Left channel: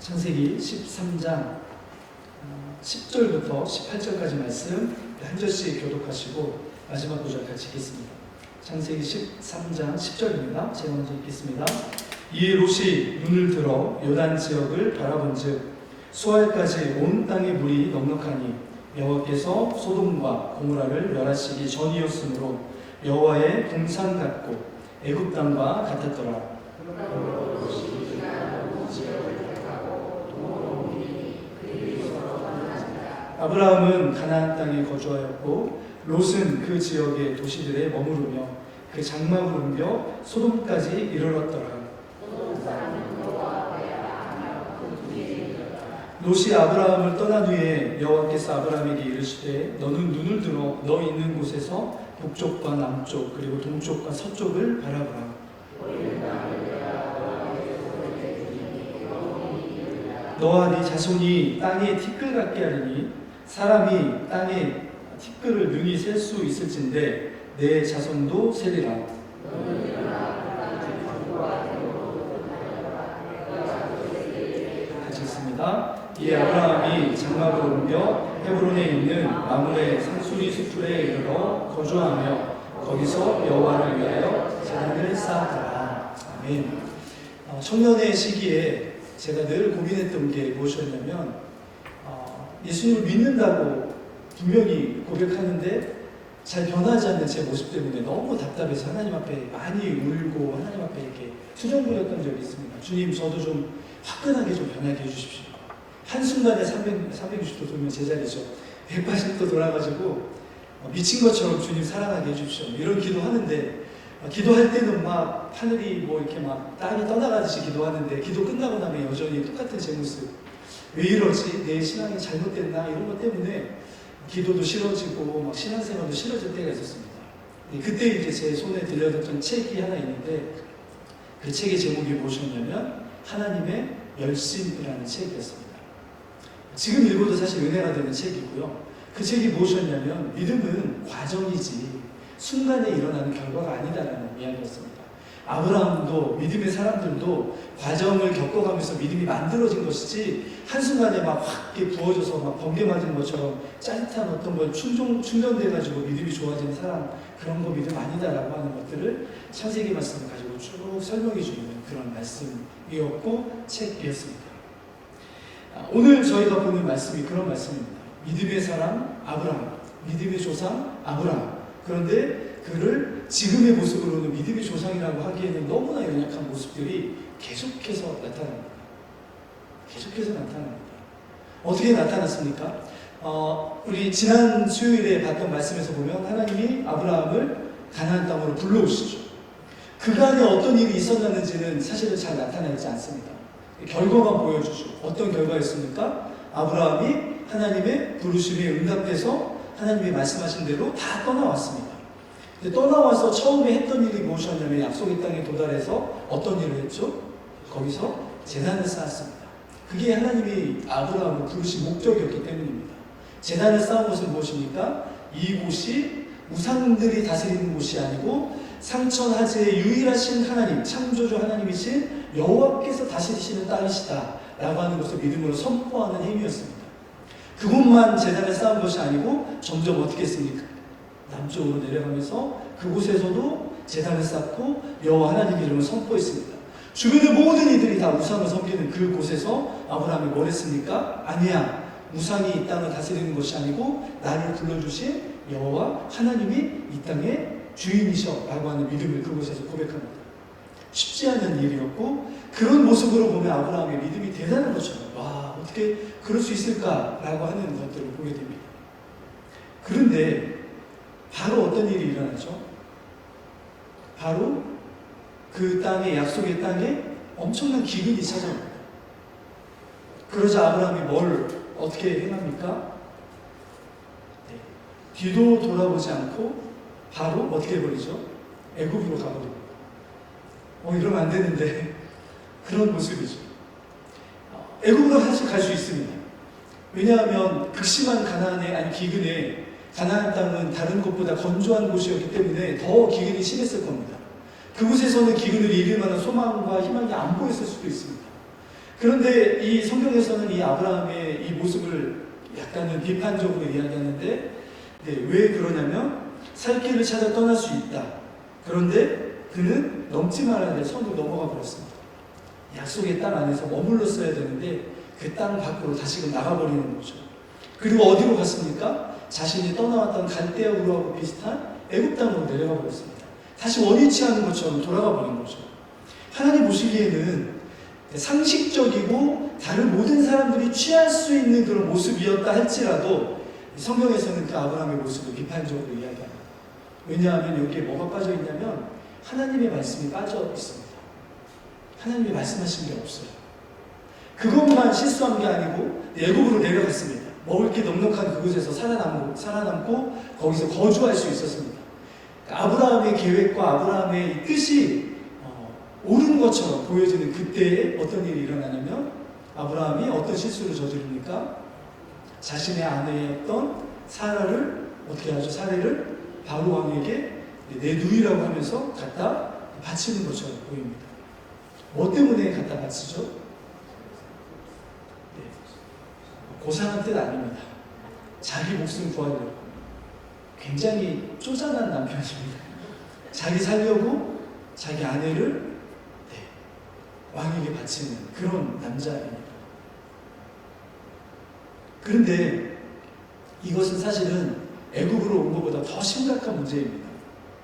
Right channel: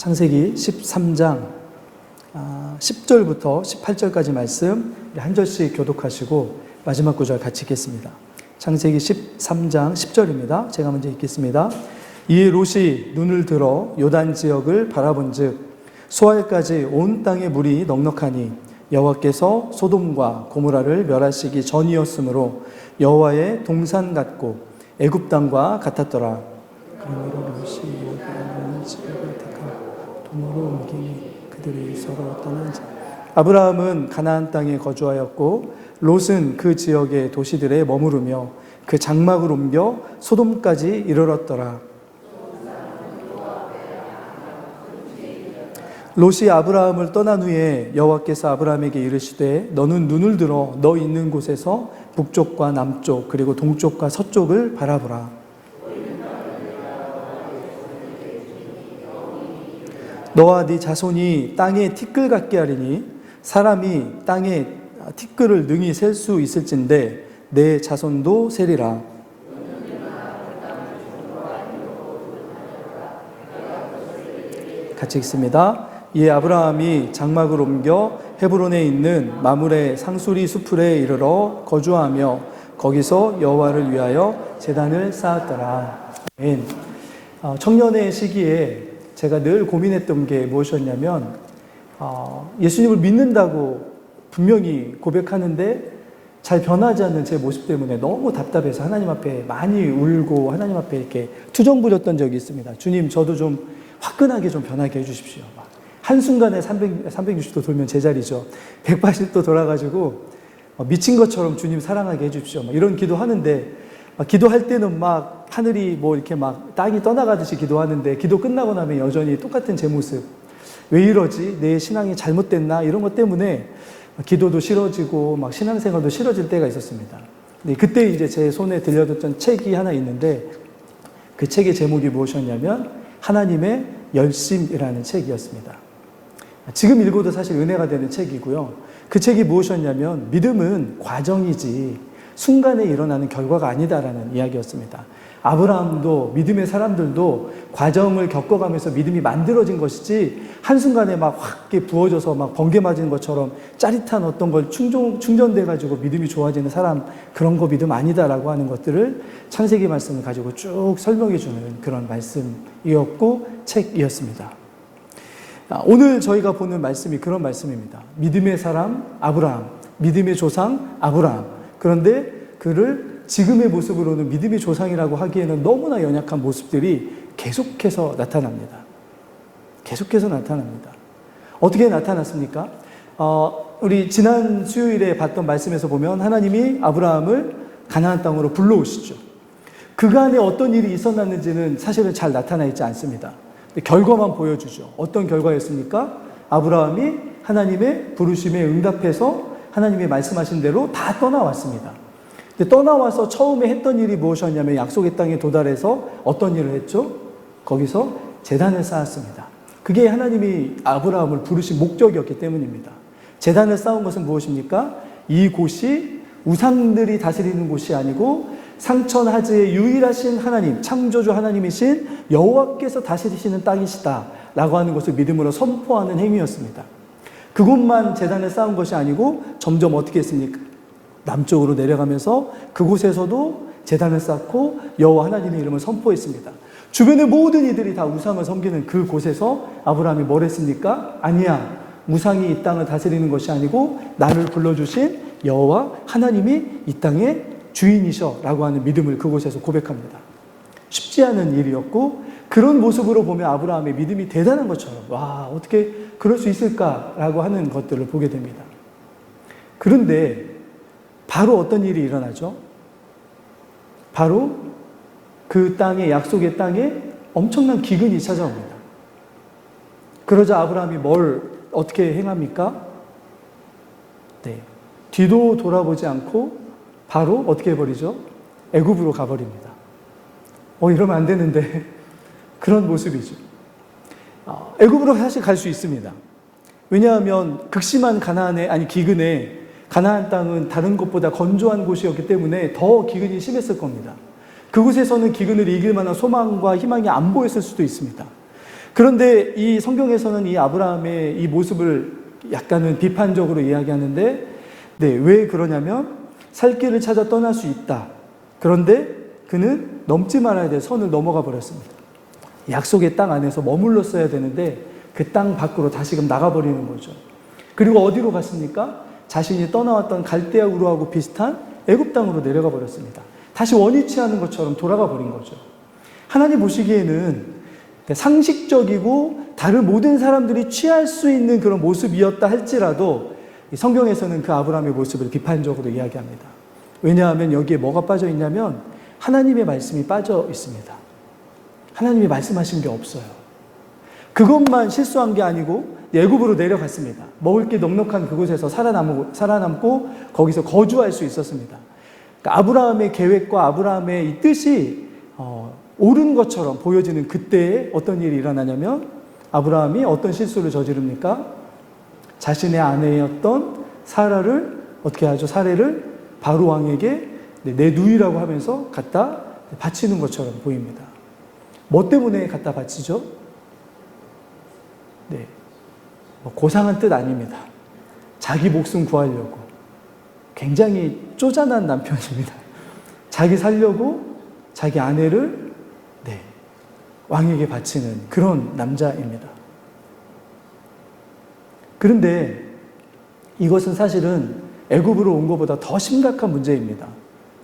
창세기 13장 10절부터 18절까지 말씀 한 절씩 교독하시고 마지막 구절 같이 읽겠습니다. 창세기 13장 10절입니다. 제가 먼저 읽겠습니다. 이에 롯이 눈을 들어 요단 지역을 바라본즉 소알까지 온 땅에 물이 넉넉하니 여호와께서 소돔과 고모라를 멸하시기 전이었으므로 여호와의 동산 같고 애굽 땅과 같았더라. 아브라함은 가나안 땅에 거주하였고 롯은 그 지역의 도시들에 머무르며 그 장막을 옮겨 소돔까지 이르렀더라. 롯이 아브라함을 떠난 후에 여호와께서 아브라함에게 이르시되 너는 눈을 들어 너 있는 곳에서 북쪽과 남쪽 그리고 동쪽과 서쪽을 바라보라. 너와 네 자손이 땅에 티끌 같게 하리니 사람이 땅에 티끌을 능히 셀 수 있을진데 내 자손도 세리라. 같이 읽습니다. 이에 아브라함이 장막을 옮겨 헤브론에 있는 마므레 상수리 수풀에 이르러 거주하며 거기서 여호와를 위하여 제단을 쌓았더라. 아멘. 청년의 시기에 제가 늘 고민했던 게 무엇이었냐면 예수님을 믿는다고 분명히 고백하는데 잘 변하지 않는 제 모습 때문에 너무 답답해서 하나님 앞에 많이 울고 하나님 앞에 이렇게 투정 부렸던 적이 있습니다. 주님, 저도 좀 화끈하게 좀 변하게 해주십시오. 한순간에 360도 돌면 제자리죠. 180도 돌아가지고 미친 것처럼 주님 사랑하게 해주십시오. 이런 기도하는데 기도할 때는 막 하늘이 뭐 이렇게 막 땅이 떠나가듯이 기도하는데 기도 끝나고 나면 여전히 똑같은 제 모습. 왜 이러지? 내 신앙이 잘못됐나? 이런 것 때문에 기도도 싫어지고 막 신앙생활도 싫어질 때가 있었습니다. 그때 이제 제 손에 들려줬던 책이 하나 있는데 그 책의 제목이 무엇이었냐면 하나님의 열심이라는 책이었습니다. 지금 읽어도 사실 은혜가 되는 책이고요. 그 책이 무엇이었냐면 믿음은 과정이지 순간에 일어나는 결과가 아니다라는 이야기였습니다. 아브라함도 믿음의 사람들도 과정을 겪어가면서 믿음이 만들어진 것이지 한순간에 막 확 부어져서 막 번개 맞은 것처럼 짜릿한 어떤 걸 충전돼가지고 믿음이 좋아지는 사람 그런 거 믿음 아니다라고 하는 것들을 창세기 말씀을 가지고 쭉 설명해주는 그런 말씀이었고 책이었습니다. 오늘 저희가 보는 말씀이 그런 말씀입니다. 믿음의 사람 아브라함, 믿음의 조상 아브라함. 그런데 그를 지금의 모습으로는 믿음의 조상이라고 하기에는 너무나 연약한 모습들이 계속해서 나타납니다. 계속해서 나타납니다. 어떻게 나타났습니까? 우리 지난 수요일에 봤던 말씀에서 보면 하나님이 아브라함을 가나안 땅으로 불러오시죠. 그간에 어떤 일이 있었는지는 사실은 잘 나타나 있지 않습니다. 결과만 보여주죠. 어떤 결과였습니까? 아브라함이 하나님의 부르심에 응답해서 하나님이 말씀하신 대로 다 떠나왔습니다. 근데 떠나와서 처음에 했던 일이 무엇이었냐면 약속의 땅에 도달해서 어떤 일을 했죠? 거기서 제단을 쌓았습니다. 그게 하나님이 아브라함을 부르신 목적이었기 때문입니다. 제단을 쌓은 것은 무엇입니까? 이 곳이 우상들이 다스리는 곳이 아니고 상천하지의 유일하신 하나님, 창조주 하나님이신 여호와께서 다스리시는 땅이시다 라고 하는 것을 믿음으로 선포하는 행위였습니다. 그곳만 제단을 쌓은 것이 아니고 점점 어떻게 했습니까? 남쪽으로 내려가면서 그곳에서도 제단을 쌓고 여호와 하나님의 이름을 선포했습니다. 주변의 모든 이들이 다 우상을 섬기는 그곳에서 아브라함이 뭘 했습니까? 아니야, 우상이 이 땅을 다스리는 것이 아니고 나를 불러주신 여호와 하나님이 이 땅의 주인이셔 라고 하는 믿음을 그곳에서 고백합니다. 쉽지 않은 일이었고 그런 모습으로 보면 아브라함의 믿음이 대단한 것처럼 와, 어떻게 그럴 수 있을까라고 하는 것들을 보게 됩니다. 그런데 바로 어떤 일이 일어나죠? 바로 그 땅에, 약속의 땅에 엄청난 기근이 찾아옵니다. 그러자 아브라함이 뭘 어떻게 행합니까? 네, 뒤도 돌아보지 않고 바로 어떻게 해버리죠? 애굽으로 가버립니다. 이러면 안 되는데 그런 모습이죠. 애굽으로 사실 갈 수 있습니다. 왜냐하면 극심한 기근에 가나안 땅은 다른 곳보다 건조한 곳이었기 때문에 더 기근이 심했을 겁니다. 그곳에서는 기근을 이길 만한 소망과 희망이 안 보였을 수도 있습니다. 그런데 이 성경에서는 이 아브라함의 이 모습을 약간은 비판적으로 이야기하는데, 네, 왜 그러냐면 살 길을 찾아 떠날 수 있다. 그런데 그는 넘지 말아야 될 선을 넘어가 버렸습니다. 약속의 땅 안에서 머물렀어야 되는데 그 땅 밖으로 다시금 나가버리는 거죠. 그리고 어디로 갔습니까? 자신이 떠나왔던 갈대아 우르하고 비슷한 애굽 땅으로 내려가 버렸습니다. 다시 원위치 않은 것처럼 돌아가 버린 거죠. 하나님 보시기에는 상식적이고 다른 모든 사람들이 취할 수 있는 그런 모습이었다 할지라도 성경에서는 그 아브라함의 모습을 비판적으로 이야기합니다. 왜냐하면 여기에 뭐가 빠져 있냐면 하나님의 말씀이 빠져 있습니다. 하나님이 말씀하신 게 없어요. 그것만 실수한 게 아니고 애굽으로 내려갔습니다. 먹을 게 넉넉한 그곳에서 살아남고 거기서 거주할 수 있었습니다. 그러니까 아브라함의 계획과 아브라함의 이 뜻이 옳은 것처럼 보여지는 그때에 어떤 일이 일어나냐면 아브라함이 어떤 실수를 저지릅니까? 자신의 아내였던 사라를 어떻게 하죠? 사례를 바로 왕에게 내 누이라고 하면서 갖다 바치는 것처럼 보입니다. 뭐 때문에 갖다 바치죠? 네, 고상한 뜻 아닙니다. 자기 목숨 구하려고. 굉장히 쪼잔한 남편입니다. 자기 살려고 자기 아내를 왕에게 바치는 그런 남자입니다. 그런데 이것은 사실은 애굽으로 온 것보다 더 심각한 문제입니다.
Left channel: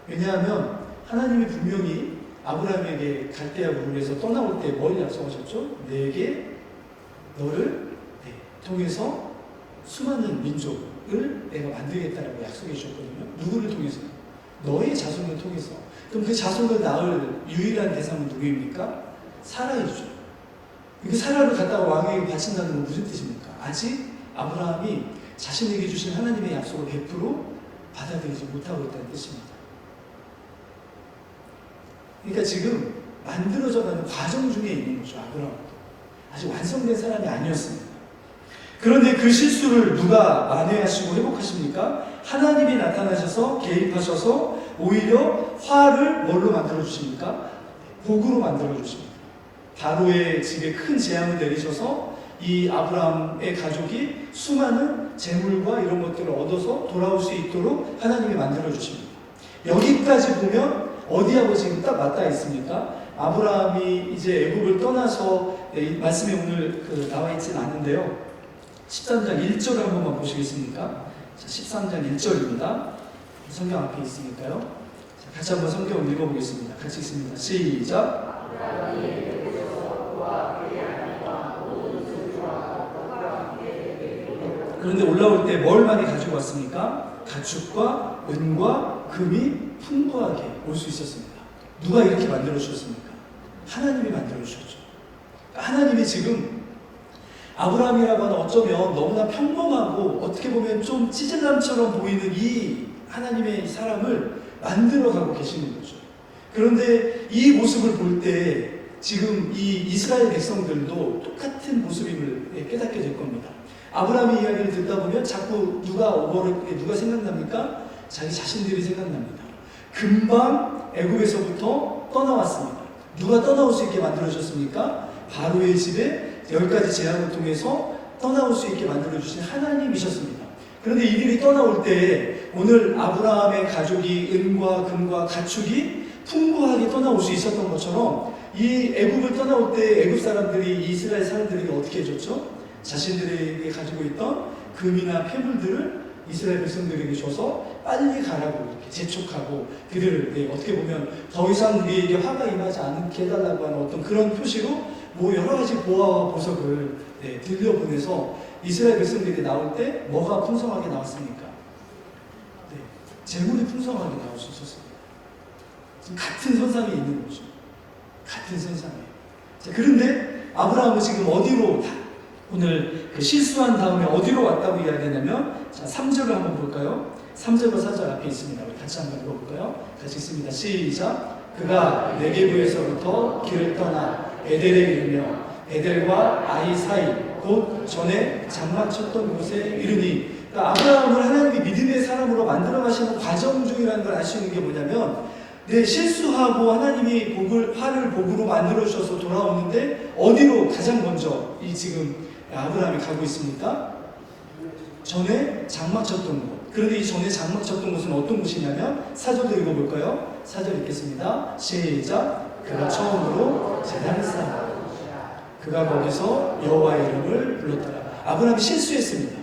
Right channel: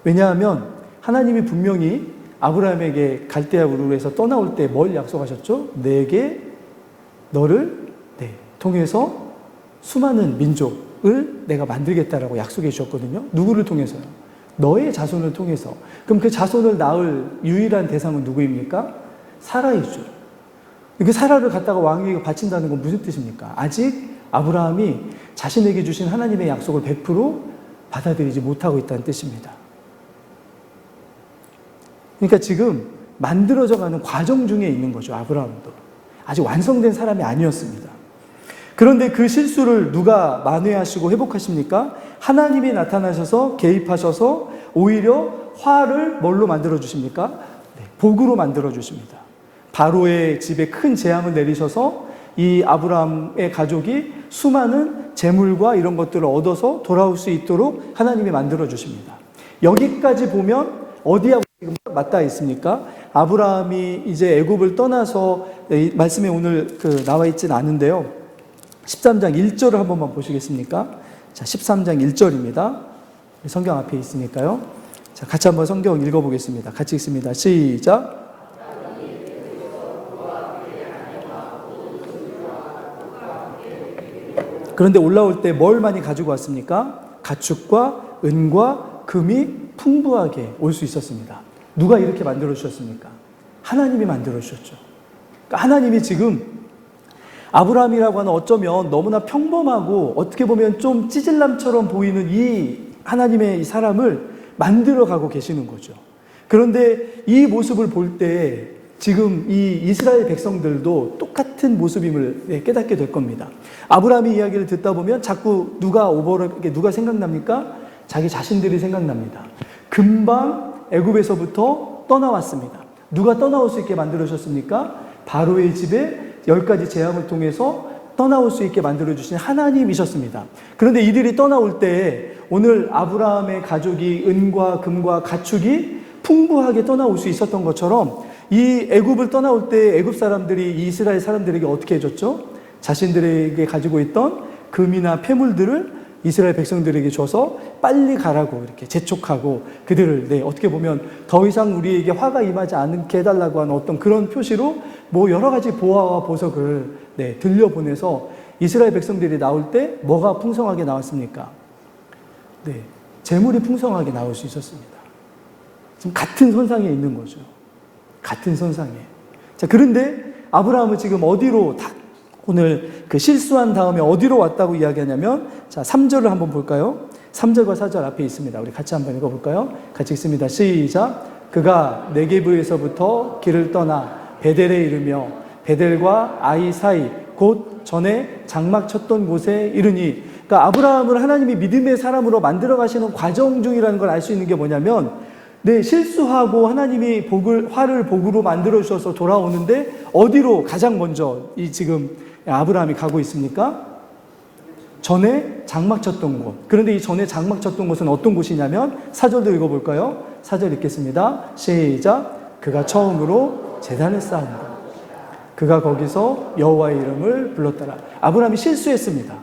왜냐하면 하나님이 분명히 아브라함에게 갈대아 우르에서 떠나올 때 뭘 약속하셨죠? 내게 너를 통해서 수많은 민족을 내가 만들겠다라고 약속해 주셨거든요. 누구를 통해서요? 너의 자손을 통해서. 그럼 그 자손을 낳을 유일한 대상은 누구입니까? 사라이죠. 그 사라를 갖다가 왕에게 바친다는 건 무슨 뜻입니까? 아직 아브라함이 자신에게 주신 하나님의 약속을 100% 받아들이지 못하고 있다는 뜻입니다. 그러니까 지금 만들어져가는 과정 중에 있는 거죠. 아브라함도. 아직 완성된 사람이 아니었습니다. 그런데 그 실수를 누가 만회하시고 회복하십니까? 하나님이 나타나셔서 개입하셔서 오히려 화를 뭘로 만들어주십니까? 복으로 만들어주십니다. 바로의 집에 큰 재앙을 내리셔서 이 아브라함의 가족이 수많은 재물과 이런 것들을 얻어서 돌아올 수 있도록 하나님이 만들어주십니다. 여기까지 보면 어디하고 지금 맞닿아 있습니까? 아브라함이 이제 애굽을 떠나서 말씀에 오늘 나와 있진 않은데요. 13장 1절을 한 번만 보시겠습니까? 자, 13장 1절입니다. 성경 앞에 있으니까요. 자, 같이 한번 성경 읽어보겠습니다. 같이 읽습니다. 시작. 그런데 올라올 때 뭘 많이 가지고 왔습니까? 가축과 은과 금이 풍부하게 올 수 있었습니다. 누가 이렇게 만들어 주셨습니까? 하나님이 만들어 주셨죠. 그러니까 하나님이 지금 아브라함이라고 하는 어쩌면 너무나 평범하고 어떻게 보면 좀 찌질남처럼 보이는 이 하나님의 이 사람을 만들어 가고 계시는 거죠. 그런데 이 모습을 볼 때 지금 이 이스라엘 백성들도 똑같은 모습임을 깨닫게 될 겁니다. 아브라함의 이야기를 듣다 보면 자꾸 누가 생각납니까? 자기 자신들이 생각납니다. 금방 애굽에서부터 떠나왔습니다. 누가 떠나올 수 있게 만들어주셨습니까? 바로의 집에 10가지 재앙을 통해서 떠나올 수 있게 만들어주신 하나님이셨습니다. 그런데 이들이 떠나올 때 오늘 아브라함의 가족이 은과 금과 가축이 풍부하게 떠나올 수 있었던 것처럼 이 애굽을 떠나올 때 애굽 사람들이 이스라엘 사람들에게 어떻게 해줬죠? 자신들에게 가지고 있던 금이나 폐물들을 이스라엘 백성들에게 줘서 빨리 가라고 이렇게 재촉하고 그들을 어떻게 보면 더 이상 우리에게 화가 임하지 않게 해달라고 하는 어떤 그런 표시로 뭐 여러 가지 보화와 보석을 들려보내서 이스라엘 백성들이 나올 때 뭐가 풍성하게 나왔습니까? 재물이 풍성하게 나올 수 있었습니다. 지금 같은 선상에 있는 거죠. 같은 선상에. 자, 그런데 아브라함은 지금 어디로 오늘 그 실수한 다음에 어디로 왔다고 이야기하냐면, 자, 3절을 한번 볼까요? 3절과 4절 앞에 있습니다. 우리 같이 한번 읽어볼까요? 같이 읽습니다. 시작. 그가 네게브에서부터 길을 떠나 베델에 이르며 베델과 아이 사이 곧 전에 장막 쳤던 곳에 이르니, 그러니까 아브라함을 하나님이 믿음의 사람으로 만들어 가시는 과정 중이라는 걸 알 수 있는 게 뭐냐면 네, 실수하고 하나님이 화를 복으로 만들어 주셔서 돌아오는데 어디로 가장 먼저 이 지금 아브라함이 가고 있습니까? 전에 장막 쳤던 곳. 그런데 이 전에 장막 쳤던 곳은 어떤 곳이냐면 사절도 읽어볼까요? 사절 읽겠습니다. 시작. 그가 처음으로 제단을 쌓았다. 그가 거기서 여호와의 이름을 불렀더라. 아브라함이 실수했습니다.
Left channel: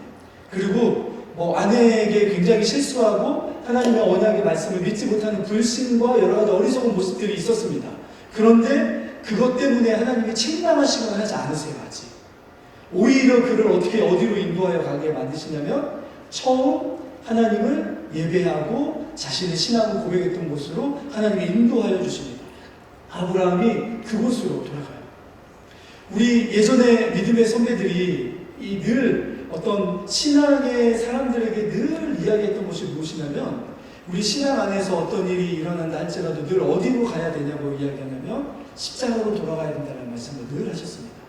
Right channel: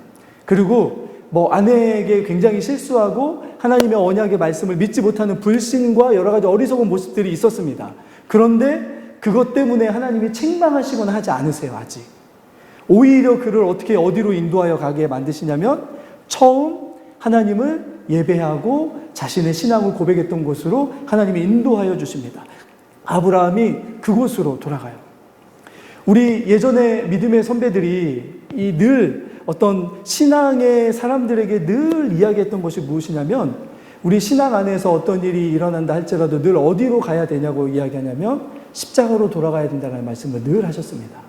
그리고 아내에게 굉장히 실수하고 하나님의 언약의 말씀을 믿지 못하는 불신과 여러 가지 어리석은 모습들이 있었습니다. 그런데 그것 때문에 하나님이 책망하시거나 하지 않으세요, 아직. 오히려 그를 어디로 인도하여 가게 만드시냐면 처음 하나님을 예배하고 자신의 신앙을 고백했던 곳으로 하나님이 인도하여 주십니다. 아브라함이 그곳으로 돌아가요. 우리 예전에 믿음의 선배들이 늘 어떤 신앙의 사람들에게 늘 이야기했던 것이 무엇이냐면 우리 신앙 안에서 어떤 일이 일어난다 할지라도 늘 어디로 가야 되냐고 이야기하냐면 십자가로 돌아가야 된다는 말씀을 늘 하셨습니다.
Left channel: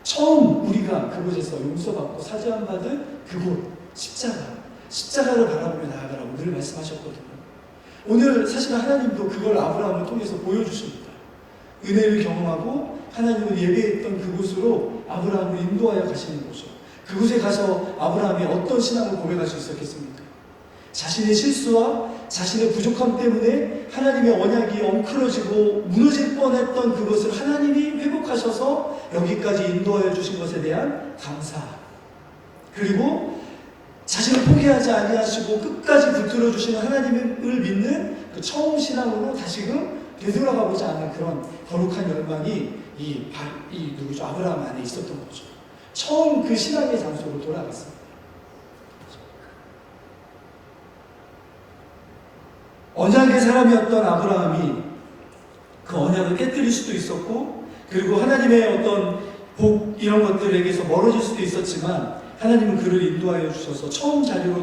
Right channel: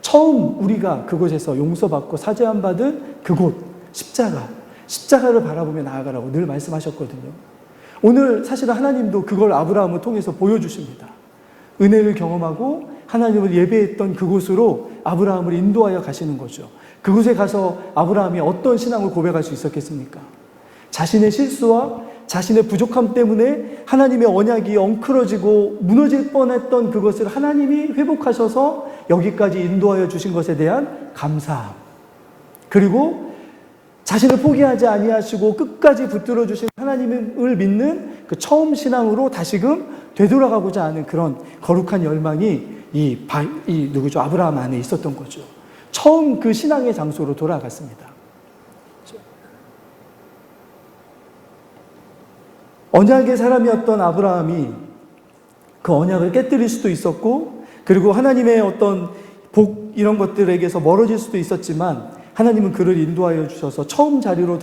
처음 우리가 그곳에서 용서받고 사죄함 받은 그곳 십자가를 바라보며 나아가라고 늘 말씀하셨거든요. 오늘 사실은 하나님도 그걸 아브라함을 통해서 보여주십니다. 은혜를 경험하고 하나님을 예배했던 그곳으로 아브라함을 인도하여 가시는 거죠. 그곳에 가서 아브라함이 어떤 신앙을 고백할 수 있었겠습니까? 자신의 실수와 자신의 부족함 때문에 하나님의 언약이 엉클어지고 무너질 뻔했던 그것을 하나님이 회복하셔서 여기까지 인도하여 주신 것에 대한 감사, 그리고 자신을 포기하지 아니하시고 끝까지 붙들어 주신 하나님을 믿는 그 처음 신앙으로 다시금 되돌아가고자 하는 그런 거룩한 열망이 누구죠? 아브라함 안에 있었던 거죠. 처음 그 신앙의 장소로 돌아갔습니다. 언약의 사람이었던 아브라함이 그 언약을 깨뜨릴 수도 있었고, 그리고 하나님의 어떤 복 이런 것들에게서 멀어질 수도 있었지만 하나님은 그를 인도하여 주셔서 처음 자리로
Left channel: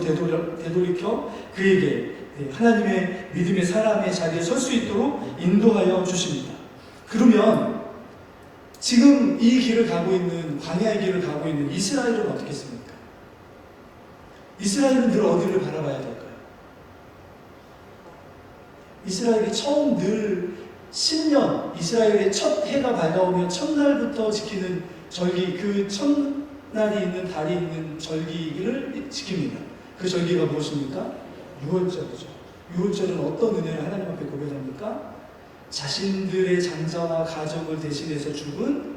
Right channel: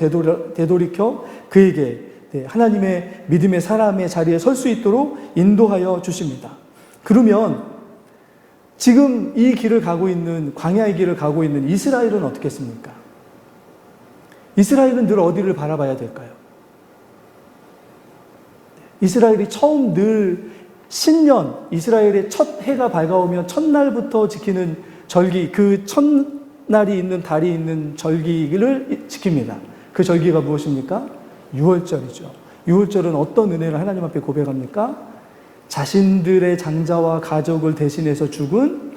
되돌이켜 그에게 하나님의 믿음의 사람의 자리에 설 수 있도록 인도하여 주십니다. 그러면 지금 이 길을 가고 있는, 광야의 길을 가고 있는 이스라엘은 어떻겠습니까? 이스라엘은 늘 어디를 바라봐야 될까요? 이스라엘이 처음 늘 신년, 이스라엘의 첫 해가 밝아오면 첫날부터 지키는 절기, 그 첫날이 있는 달이 있는 절기를 지킵니다. 그 절기가 무엇입니까? 유월절이죠. 유월절은 어떤 은혜를 하나님 앞에 고백합니까? 자신들의 장자와 가족을 대신해서 죽은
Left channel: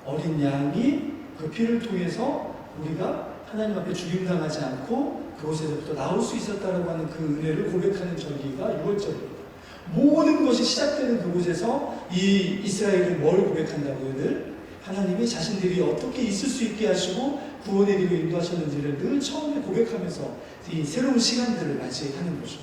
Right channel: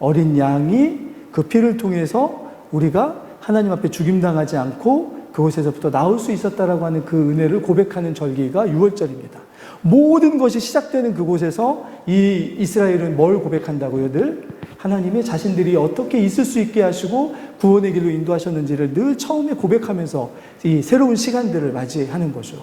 어린 양이 그 피를 통해서 우리가 하나님 앞에 죽임당하지 않고 그곳에서부터 나올 수 있었다라고 하는 그 은혜를 고백하는 절기가 유월절입니다. 모든 것이 시작되는 그곳에서 이 이스라엘은 뭘 고백한다고요? 늘 하나님의 자신들이 어떻게 있을 수 있게 하시고 구원의 길로 인도하셨는지를 늘 처음에 고백하면서 이 새로운 시간들을 맞이하는 거죠.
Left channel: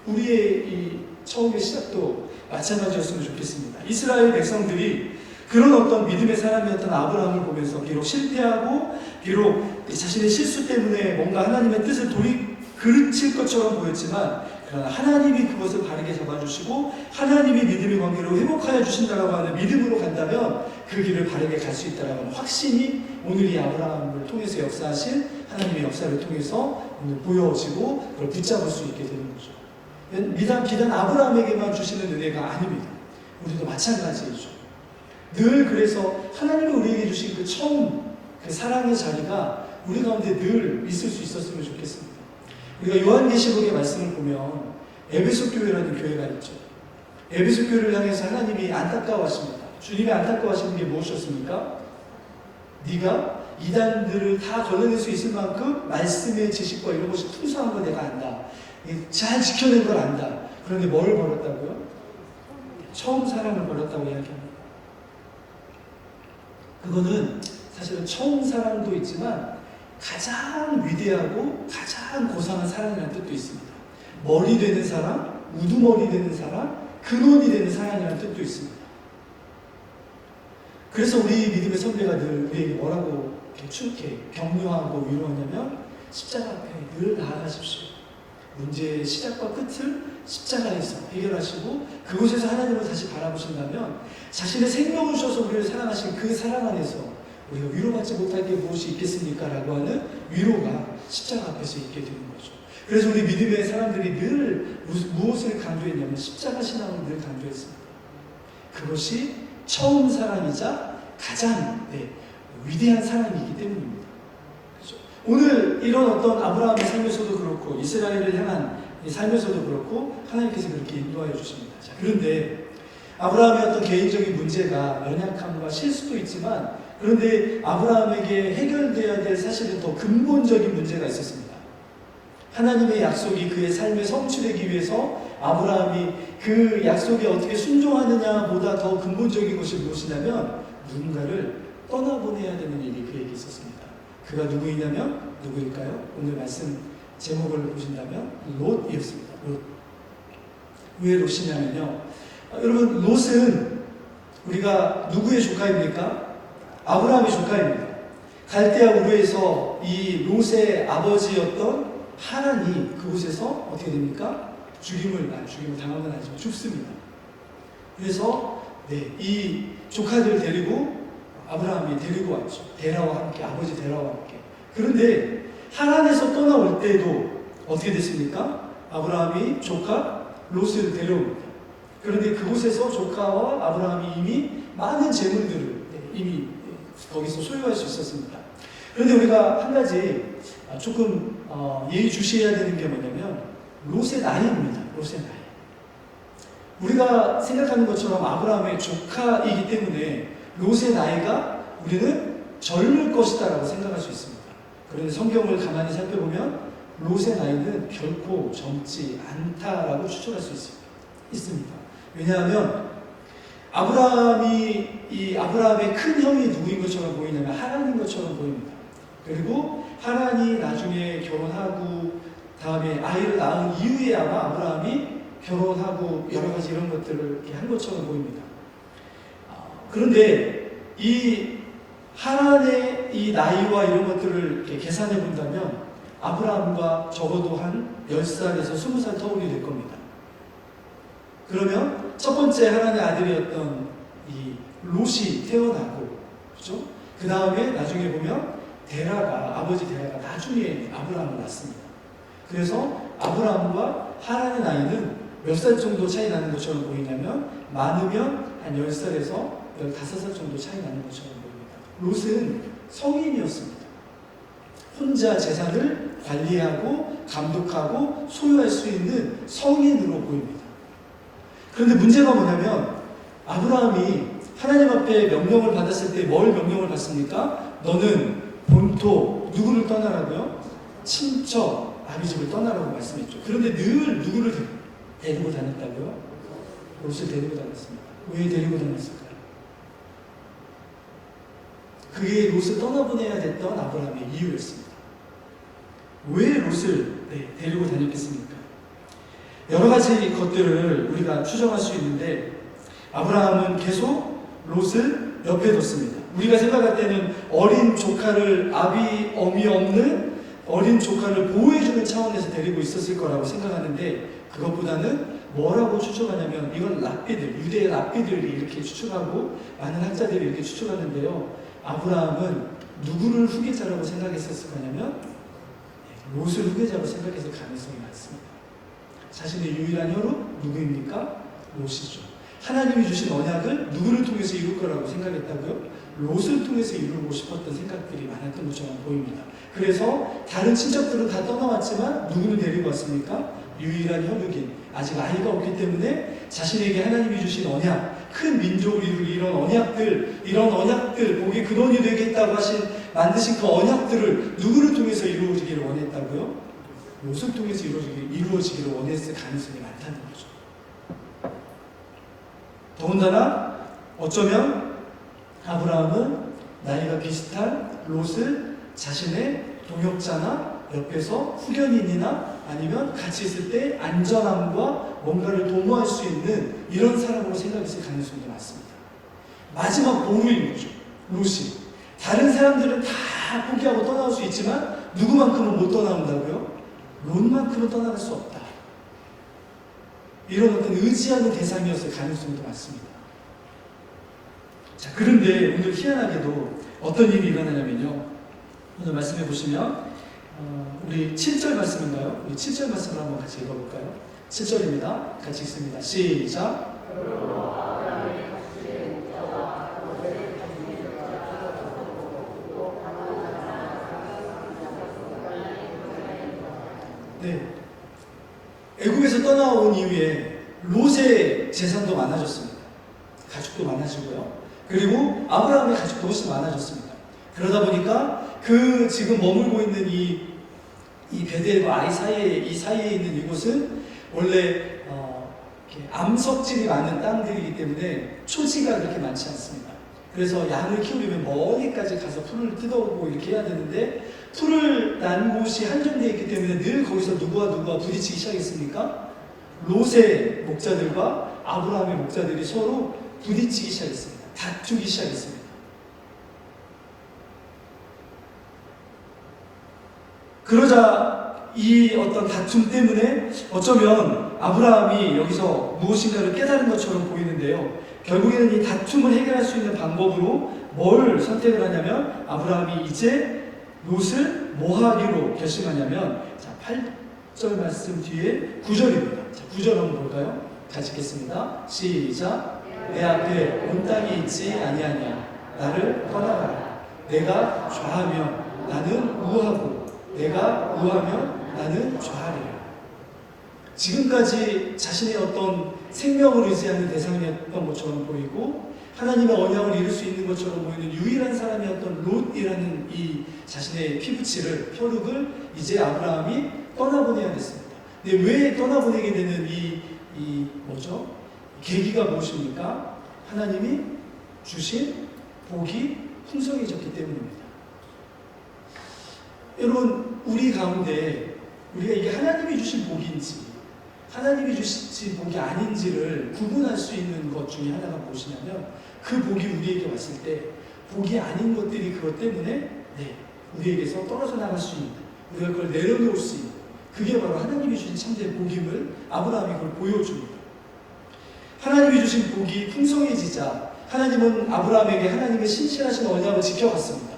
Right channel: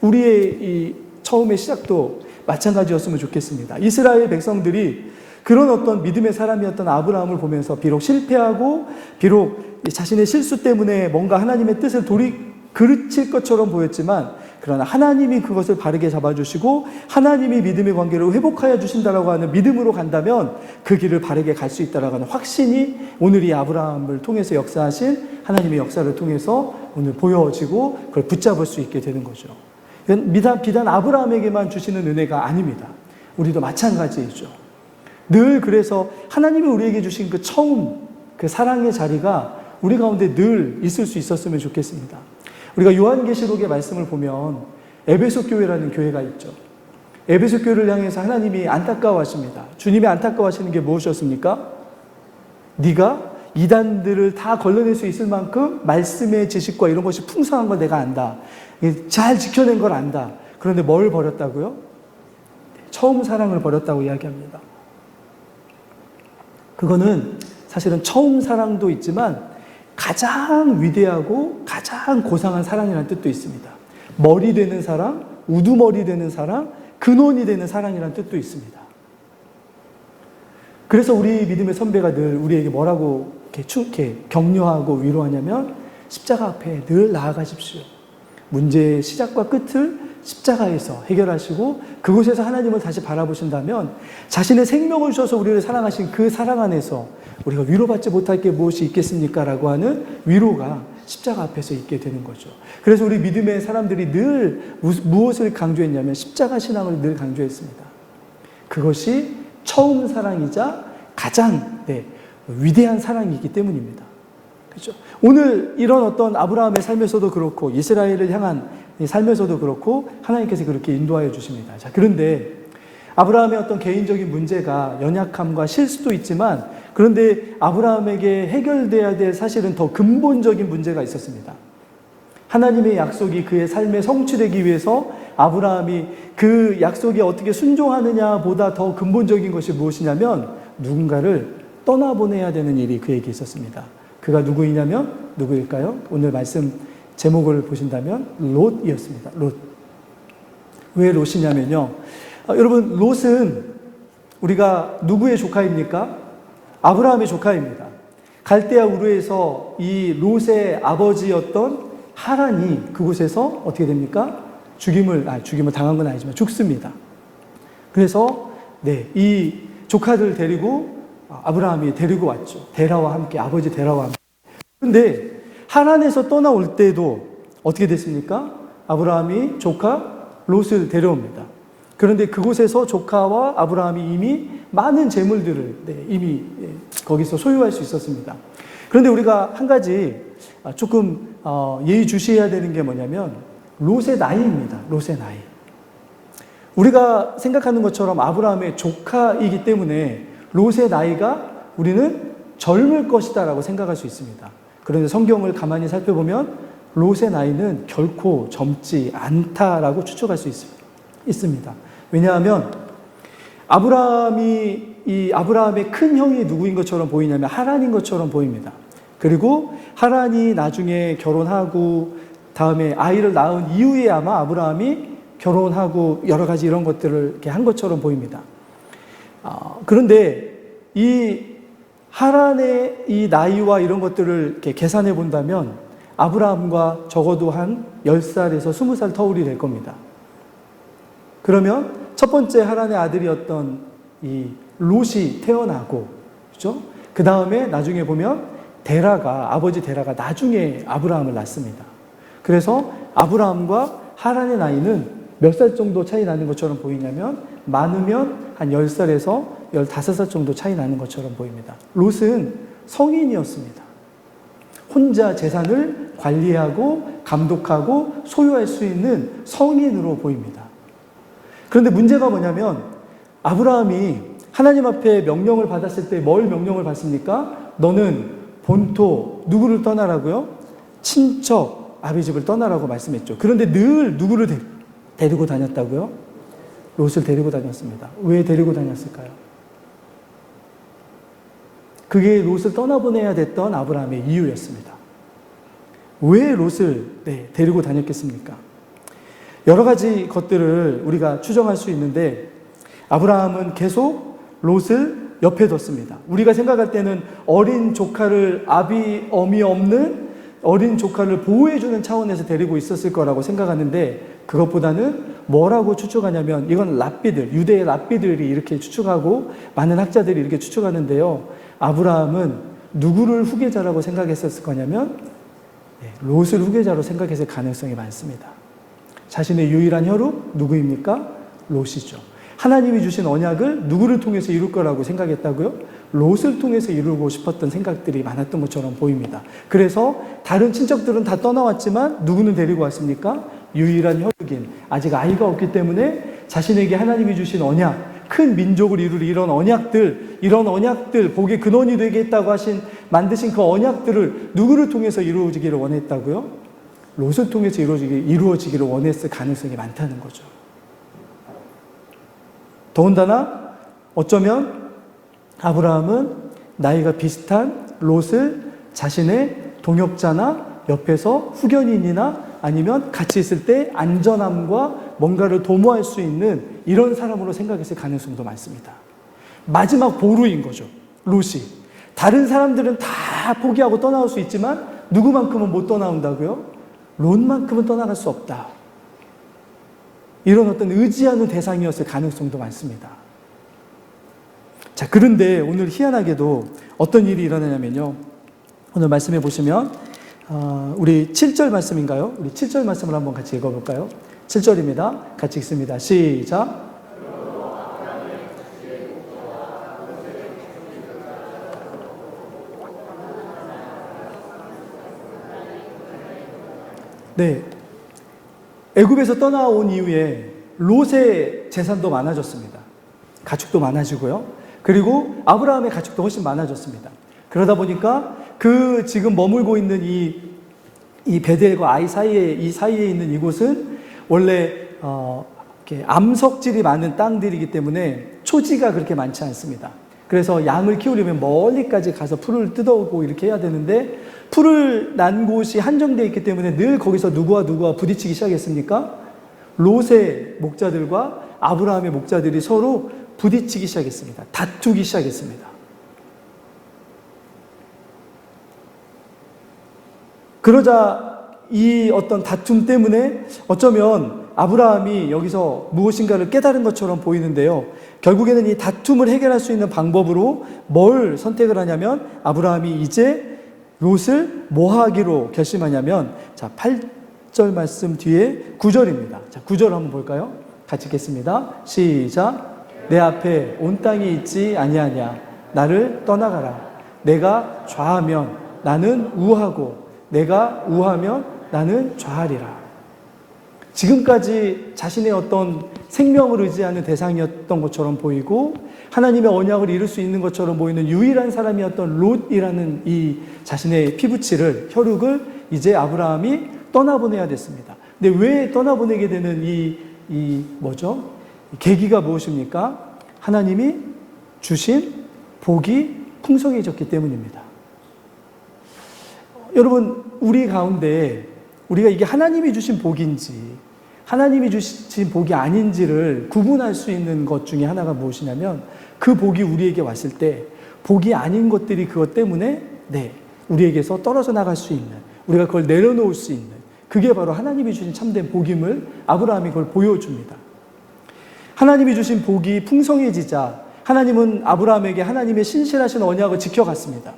우리의 이 처음의 시작도 마찬가지였으면 좋겠습니다. 이스라엘 백성들이 그런 어떤 믿음의 사람이었던 아브라함을 보면서 비록 실패하고 비록 자신의 실수 때문에 뭔가 하나님의 뜻을 그르칠 것처럼 보였지만, 그러나 하나님이 그것을 바르게 잡아주시고 하나님이 믿음의 관계를 회복하여 주신다라고 하는 믿음으로 간다면 그 길을 바르게 갈 수 있다라고 하는 확신이 오늘 이 아브라함을 통해서 역사하신 하나님의 역사를 통해서 오늘 보여지고 그걸 붙잡을 수 있게 되는 거죠. 비단 아브라함에게만 주시는 은혜가 아닙니다. 우리도 마찬가지이죠. 늘 그래서 하나님이 우리에게 주신 그 처음 그 사랑의 자리가 우리 가운데 늘 있을 수 있었으면 좋겠습니다. 우리가 요한계시록의 말씀을 보면 에베소 교회라는 교회가 있죠. 에베소 교회를 향해서 하나님이 안타까워하십니다. 주님이 안타까워하시는 게 무엇이었습니까? 네가 이단들을 다 걸러낼 수 있을 만큼 말씀의 지식과 이런 것이 풍성한 걸 내가 안다. 잘 지켜낸 걸 안다. 그런데 뭘 버렸다고요? 처음 사랑을 버렸다고 이야기합니다. 그거는 사실은 처음 사랑도 있지만 가장 위대하고 가장 고상한 사랑이라는 뜻도 있습니다. 머리 되는 사랑, 우두머리 되는 사랑, 근원이 되는 사랑이라는 뜻도 있습니다. 그래서 우리 믿음의 선배가 늘 우리에게 뭐라고 이렇게 격려하고 위로하냐면 십자가 앞에 늘 나아가십시오. 문제의 시작과 끝을 십자가에서 해결하시고 그곳에서 하나님을 다시 바라보신다면 자신의 생명을 주셔서 우리를 사랑하신 그 사랑 안에서 우리가 위로받지 못할 게 무엇이 있겠습니까? 라고 하는 위로가 십자가 앞에서 있게 되는 거죠. 그래서 우리 믿음의 사람들이 늘 무엇을 강조했냐면 십자가 신앙을 늘 강조했습니다. 그것이 처음 사랑이자 가장 위대한 사랑이기 때문입니다. 그렇죠? 오늘 이런 어떤 아브라함의 삶에서도 그렇고 이스라엘을 향한 삶에서도 그렇고 하나님께서 그렇게 인도하여 주십니다. 자, 그런데 아브라함의 어떤 개인적인 문제가 연약함과 실수도 있지만 그런데 아브라함에게 해결돼야 될 사실은 더 근본적인 문제가 있었습니다. 하나님의 약속이 그의 삶에 성취되기 위해서 아브라함이 그 약속에 어떻게 순종하느냐 보다 더 근본적인 것이 무엇이냐면 누군가를 떠나보내야 되는 일이 그에게 있었습니다. 그가 누구일까요? 오늘 말씀 제목을 보신다면 롯이었습니다. 롯. 왜 롯이냐면요. 여러분, 롯은 우리가 누구의 조카입니까? 아브라함의 조카입니다. 갈대아 우르에서 이 롯의 아버지였던 하란이 그곳에서 어떻게 됩니까? 죽임을 당한 건 아니지만 죽습니다. 그래서 이 조카들 데리고 아브라함이 데리고 왔죠. 데라와 함께, 아버지 데라와 함께. 그런데 하란에서 떠나올 때도 어떻게 됐습니까? 아브라함이 조카 롯을 데려옵니다. 그런데 그곳에서 조카와 아브라함이 이미 많은 재물들을 이미 거기서 소유할 수 있었습니다. 그런데 우리가 한 가지 조금 예의주시해야 되는 게 뭐냐면 롯의 나이입니다. 롯의 나이. 우리가 생각하는 것처럼 아브라함의 조카이기 때문에 롯의 나이가 우리는 젊을 것이다 라고 생각할 수 있습니다. 그런데 성경을 가만히 살펴보면 롯의 나이는 결코 젊지 않다라고 추측할 수 있습니다. 왜냐하면 아브라함의 큰 형이 누구인 것처럼 보이냐면 하란인 것처럼 보입니다. 그리고 하란이 나중에 결혼하고 다음에 아이를 낳은 이후에 아마 아브라함이 결혼하고 여러 가지 이런 것들을 이렇게 한 것처럼 보입니다. 그런데 이 하란의 이 나이와 이런 것들을 이렇게 계산해 본다면 아브라함과 적어도 한 10살에서 20살 터울이 될 겁니다. 그러면 첫 번째 하란의 아들이었던 이 롯이 태어나고, 그죠? 그 다음에 나중에 보면 아버지 데라가 나중에 아브라함을 낳습니다. 그래서 아브라함과 하란의 나이는 몇 살 정도 차이 나는 것처럼 보이냐면 많으면 한 10살에서 15살 정도 차이 나는 것처럼 보입니다. 롯은 성인이었습니다. 혼자 재산을 관리하고 감독하고 소유할 수 있는 성인으로 보입니다. 그런데 문제가 뭐냐면 아브라함이 하나님 앞에 명령을 받았을 때 뭘 명령을 받습니까? 너는 본토 누구를 떠나라고요? 친척 아비집을 떠나라고 말씀했죠. 그런데 늘 누구를 데리고 다녔다고요? 롯을 데리고 다녔습니다. 왜 데리고 다녔을까요? 그게 롯을 떠나보내야 됐던 아브라함의 이유였습니다. 왜 롯을 데리고 다녔겠습니까? 여러 가지 것들을 우리가 추정할 수 있는데 아브라함은 계속 롯을 옆에 뒀습니다. 우리가 생각할 때는 어린 조카를 어미 없는 어린 조카를 보호해주는 차원에서 데리고 있었을 거라고 생각하는데 그것보다는 뭐라고 추측하냐면 이건 유대의 랍비들이 이렇게 추측하고 많은 학자들이 이렇게 추측하는데요. 아브라함은 누구를 후계자라고 생각했었을 거냐면 롯을 후계자로 생각했을 가능성이 많습니다. 자신의 유일한 혈육 누구입니까? 롯이죠. 하나님이 주신 언약을 누구를 통해서 이룰 거라고 생각했다고요? 롯을 통해서 이루고 싶었던 생각들이 많았던 것처럼 보입니다. 그래서 다른 친척들은 다 떠나왔지만 누구는 데리고 왔습니까? 유일한 혈육인 아직 아이가 없기 때문에 자신에게 하나님이 주신 언약, 큰 민족을 이룰 이런 언약들, 복의 근원이 되겠다고 만드신 그 언약들을 누구를 통해서 이루어지기를 원했다고요? 롯을 통해서 이루어지기를 원했을 가능성이 많다는 거죠. 더군다나 어쩌면 아브라함은 나이가 비슷한 롯을 자신의 동역자나 옆에서 후견인이나 아니면 같이 있을 때 안전함과 뭔가를 도모할 수 있는 이런 사람으로 생각했을 가능성도 많습니다. 마지막 보루인 거죠. 롯이. 다른 사람들은 다 포기하고 떠나올 수 있지만 누구만큼은 못 떠나온다고요? 롯만큼은 떠나갈 수 없다. 이런 어떤 의지하는 대상이었을 가능성도 많습니다. 자, 그런데 오늘 희한하게도 어떤 일이 일어나냐면요. 오늘 말씀해 보시면 우리 7절 말씀인가요? 우리 7절 말씀을 한번 같이 읽어볼까요? 7절입니다. 같이 읽습니다. 시작. 네. 애굽에서 떠나온 이후에 롯의 재산도 많아졌습니다. 가축도 많아지고요. 그리고 아브라함의 가축도 훨씬 많아졌습니다. 그러다 보니까 그 지금 머물고 있는 이 베델과 아이 사이에, 이 사이에 있는 이곳은 원래 이렇게 암석질이 많은 땅들이기 때문에 초지가 그렇게 많지 않습니다. 그래서 양을 키우려면 멀리까지 가서 풀을 뜯어오고 이렇게 해야 되는데, 풀을 난 곳이 한정되어 있기 때문에 늘 거기서 누구와 부딪히기 시작했습니까? 롯의 목자들과 아브라함의 목자들이 서로 부딪히기 시작했습니다. 다투기 시작했습니다. 그러자 이 어떤 다툼 때문에 어쩌면 아브라함이 여기서 무엇인가를 깨달은 것처럼 보이는데요. 결국에는 이 다툼을 해결할 수 있는 방법으로 뭘 선택을 하냐면, 아브라함이 이제 롯을 뭐 하기로 결심하냐면, 자, 8절 말씀 뒤에 9절입니다. 자, 9절 한번 볼까요? 같이 읽겠습니다. 시작. 내 앞에 온 땅이 있지 아니하냐. 나를 떠나가라. 내가 좌하면 나는 우하고 내가 우하면 나는 좌하리라. 지금까지 자신의 어떤 생명을 의지하는 대상이었던 것처럼 보이고 하나님의 언약을 이룰 수 있는 것처럼 보이는 유일한 사람이었던 롯이라는 이 자신의 피부치를, 혈육을 이제 아브라함이 떠나보내야 됐습니다. 근데 왜 떠나보내게 되는 뭐죠? 계기가 무엇입니까? 하나님이 주신 복이 풍성해졌기 때문입니다. 여러분, 우리 가운데 우리가 이게 하나님이 주신 복인지 하나님이 주신 복이 아닌지를 구분할 수 있는 것 중에 하나가 무엇이냐면, 그 복이 우리에게 왔을 때 복이 아닌 것들이 그것 때문에 우리에게서 떨어져 나갈 수 있는, 우리가 그걸 내려놓을 수 있는, 그게 바로 하나님이 주신 참된 복임을 아브라함이 그걸 보여줍니다. 하나님이 주신 복이 풍성해지자 하나님은 아브라함에게 하나님의 신실하신 언약을 지켜갔습니다.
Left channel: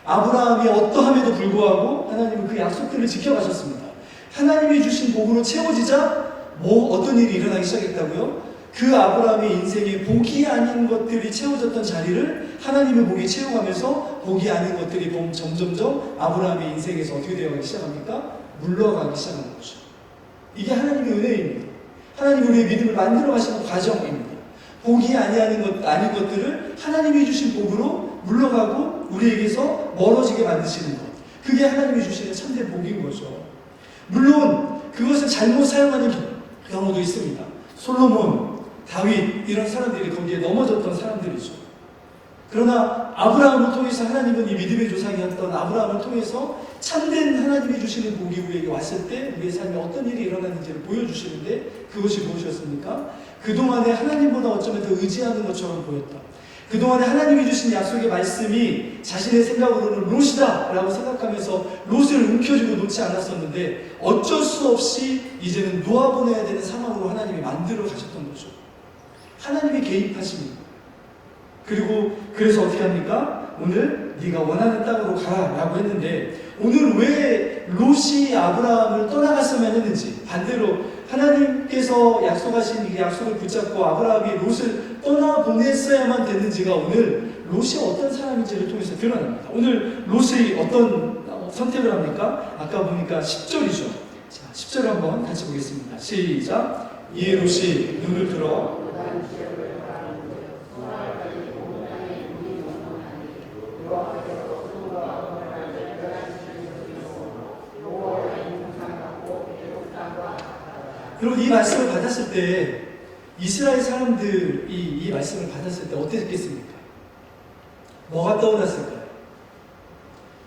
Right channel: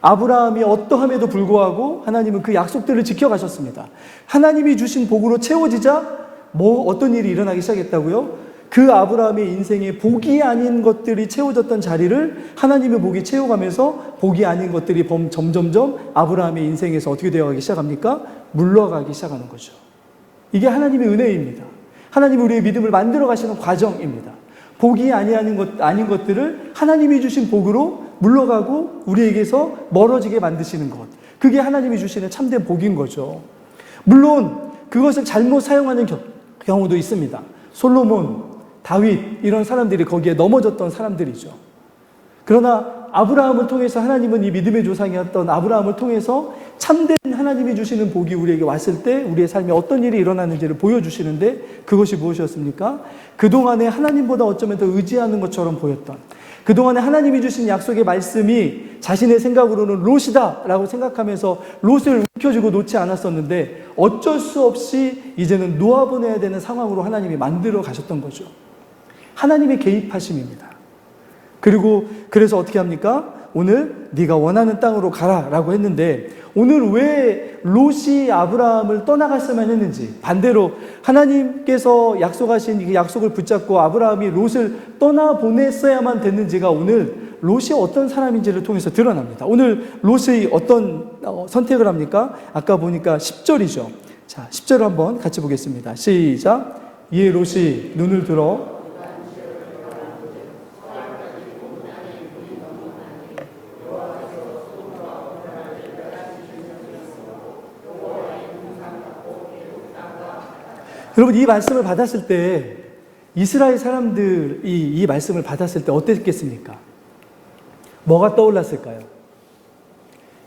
아브라함이 어떠함에도 불구하고 하나님은 그 약속들을 지켜가셨습니다. 하나님이 주신 복으로 채워지자 어떤 일이 일어나기 시작했다고요? 그 아브라함의 인생이 복이 아닌 것들이 채워졌던 자리를 하나님의 복이 채워가면서 복이 아닌 것들이 점점점 아브라함의 인생에서 어떻게 되어가기 시작합니까? 물러가기 시작하는 거죠. 이게 하나님의 은혜입니다. 하나님이 우리의 믿음을 만들어 가시는 과정입니다. 복이 아닌 것들을 하나님이 주신 복으로 물러가고 우리에게서 멀어지게 만드시는 것, 그게 하나님이 주시는 참된 복인 거죠. 물론 그것을 잘못 사용하는 경우도 있습니다. 솔로몬, 다윗, 이런 사람들이 거기에 넘어졌던 사람들이죠. 그러나 아브라함을 통해서 하나님은 이 믿음의 조상이었던 아브라함을 통해서 참된 하나님이 주시는 복이 우리에게 왔을 때 우리의 삶에 어떤 일이 일어나는지를 보여주시는데, 그것이 무엇이었습니까? 그동안에 하나님보다 어쩌면 더 의지하는 것처럼 보였던, 그동안에 하나님이 주신 약속의 말씀이 자신의 생각으로는 롯이다 라고 생각하면서 롯을 움켜쥐고 놓지 않았었는데, 어쩔 수 없이 이제는 놓아보내야 되는 상황으로 하나님이 만들어 가셨던 거죠. 하나님의 개입하심입니다. 그리고 그래서 어떻게 합니까? 오늘 네가 원하는 땅으로 가라 라고 했는데, 오늘 왜 롯이 아브라함을 떠나갔으면 했는지, 반대로 하나님께서 약속하신 이 약속을 붙잡고 아브라함이 롯을 떠나보냈어야만 됐는지가 오늘 롯이 어떤 사람인지를 통해서 드러납니다. 오늘 롯이 어떤 선택을 합니까? 아까 보니까 10절이죠. 자, 10절을 한번 같이 보겠습니다. 시작. 이에 롯이 눈을 들어 여러분, 이 말씀을 받았을 때, 이스라엘 사람들이 이 말씀을 받았을 때 어땠겠습니까? 뭐가 떠올랐을까요?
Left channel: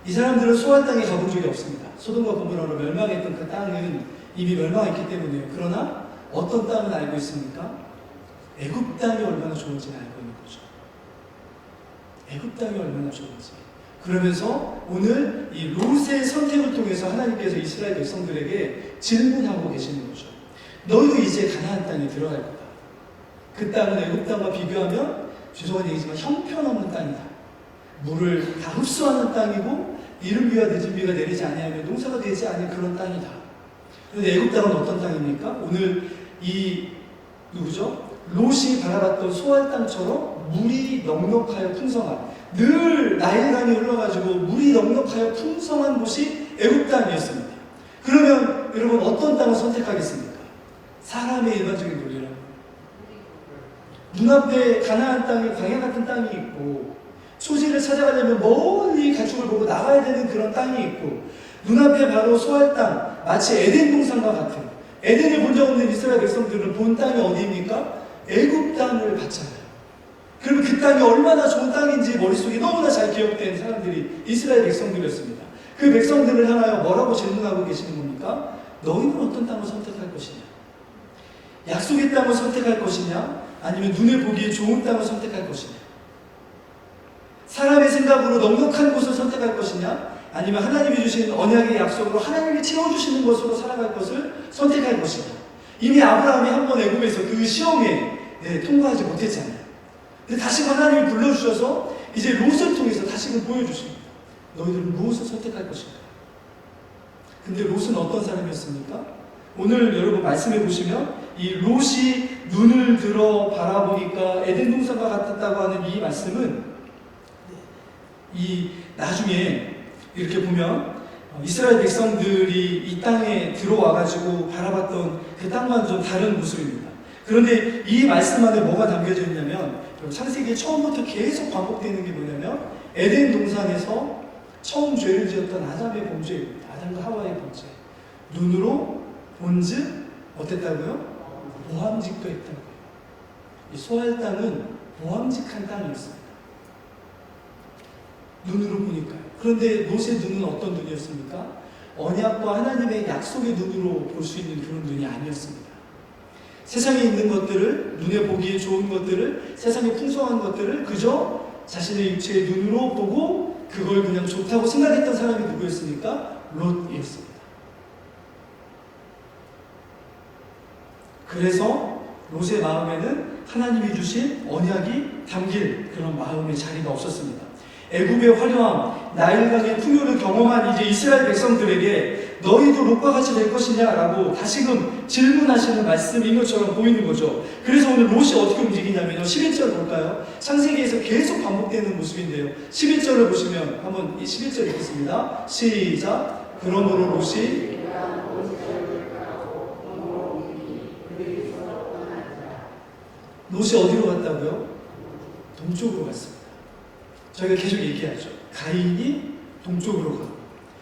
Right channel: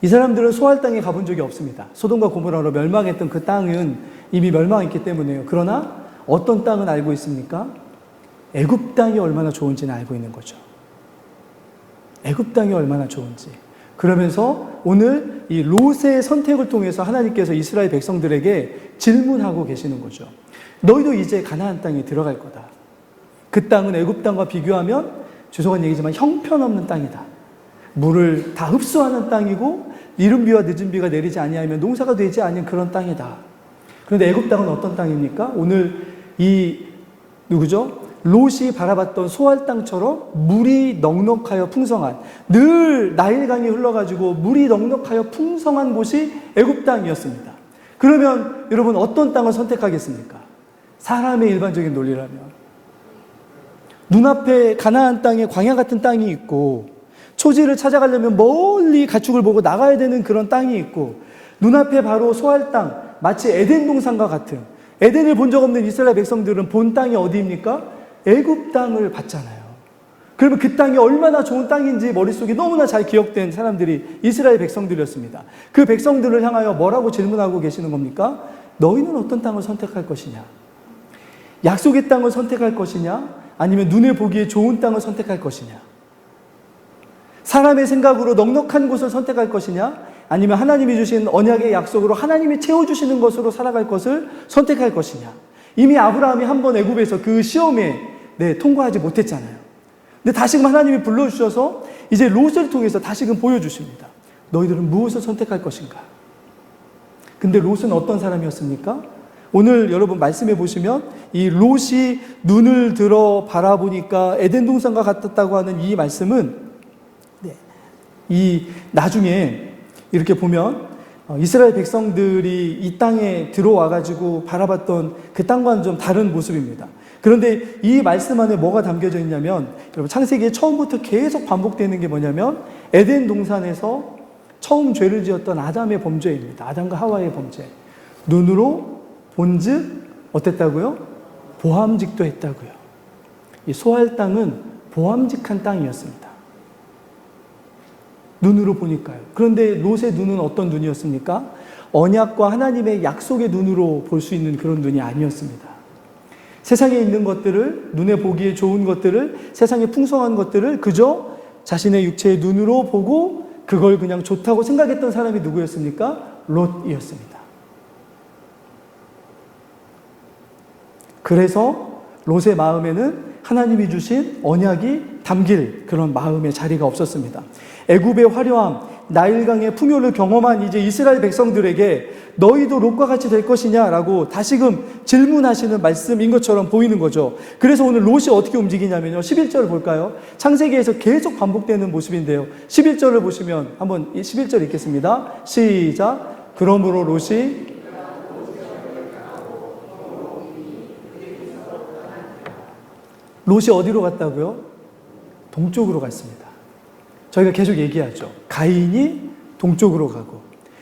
이 사람들은 소알 땅에 가본 적이 없습니다. 소돔과 고모라로 멸망했던 그 땅은 이미 멸망했기 때문에요. 그러나 어떤 땅은 알고 있습니까? 애굽 땅이 얼마나 좋은지는 알고 있는 거죠. 애굽 땅이 얼마나 좋은지. 그러면서 오늘 이 롯의 선택을 통해서 하나님께서 이스라엘 백성들에게 질문하고 계시는 거죠. 너희 이제 가나안 땅에 들어갈 거다. 그 땅은 애굽 땅과 비교하면 죄송한 얘기지만 형편없는 땅이다. 물을 다 흡수하는 땅이고 이른 비와 늦은 비가 내리지 아니하면 농사가 되지 않은 그런 땅이다. 그런데 애굽 땅은 어떤 땅입니까? 오늘 이 누구죠? 롯이 바라봤던 소알 땅처럼 물이 넉넉하여 풍성한, 늘 나일강이 흘러가지고 물이 넉넉하여 풍성한 곳이 애굽 땅이었습니다. 그러면 여러분 어떤 땅을 선택하겠습니까? 사람의 일반적인 논리라면 눈앞에 가나안 땅에 광야 같은 땅이 있고 초지를 찾아가려면 멀리 가축을 보고 나가야 되는 그런 땅이 있고 눈앞에 바로 소알 땅, 마치 에덴 동산과 같은, 에덴을 본 적 없는 이스라엘 백성들은 본 땅이 어디입니까? 애굽 땅을 봤잖아요. 그러면 그 땅이 얼마나 좋은 땅인지 머릿속에 너무나 잘 기억된 사람들이 이스라엘 백성들이었습니다. 그 백성들을 향하여 뭐라고 질문하고 계시는 겁니까? 너희는 어떤 땅을 선택할 것이냐? 약속의 땅을 선택할 것이냐? 아니면 눈에 보기에 좋은 땅을 선택할 것이냐? 사람의 생각으로 넉넉한 곳을 선택할 것이냐? 아니면 하나님이 주신 언약의 약속으로 하나님이 채워주시는 것으로 살아갈 것을 선택할 것이냐? 이미 아브라함이 한 번 애굽에서 그 시험에 통과하지 못했잖아요. 근데 다시금 하나님이 불러주셔서 이제 롯을 통해서 다시금 보여주십니다. 너희들은 무엇을 선택할 것인가? 근데 롯은 어떤 사람이었습니까? 오늘 여러분 말씀해 보시면 이 롯이 눈을 들어 바라보니까 에덴 동산과 같았다고 하는 이 말씀은 이 나중에 이렇게 보면 이스라엘 백성들이 이 땅에 들어와 가지고 바라봤던 그 땅과는 좀 다른 모습입니다. 그런데 이 말씀 안에 뭐가 담겨져 있냐면 여러분 창세기에 처음부터 계속 반복되는 게 뭐냐면 에덴 동산에서 처음 죄를 지었던 아담의 범죄입니다. 아담과 하와의 범죄. 눈으로 본즉 어땠다고요? 보암직도 했다고요. 이 소알 땅은 보암직한 땅이었습니다. 눈으로 보니까요. 그런데 롯의 눈은 어떤 눈이었습니까? 언약과 하나님의 약속의 눈으로 볼 수 있는 그런 눈이 아니었습니다. 세상에 있는 것들을, 눈에 보기에 좋은 것들을, 세상에 풍성한 것들을 그저 자신의 육체의 눈으로 보고 그걸 그냥 좋다고 생각했던 사람이 누구였습니까? 롯이었습니다. 그래서 롯의 마음에는 하나님이 주신 언약이 담길 그런 마음의 자리가 없었습니다. 애굽의 화려함, 나일강의 풍요를 경험한 이제 이스라엘 백성들에게 너희도 롯과 같이 될 것이냐라고 다시금 질문하시는 말씀인 것처럼 보이는 거죠. 그래서 오늘 롯이 어떻게 움직이냐면요. 11절 볼까요? 창세기에서 계속 반복되는 모습인데요. 11절을 보시면 한번 11절 읽겠습니다. 시작. 그러므로 롯이 어디로 갔다고요? 동쪽으로 갔습니다. 저희가 계속 얘기하죠. 가인이 동쪽으로 가고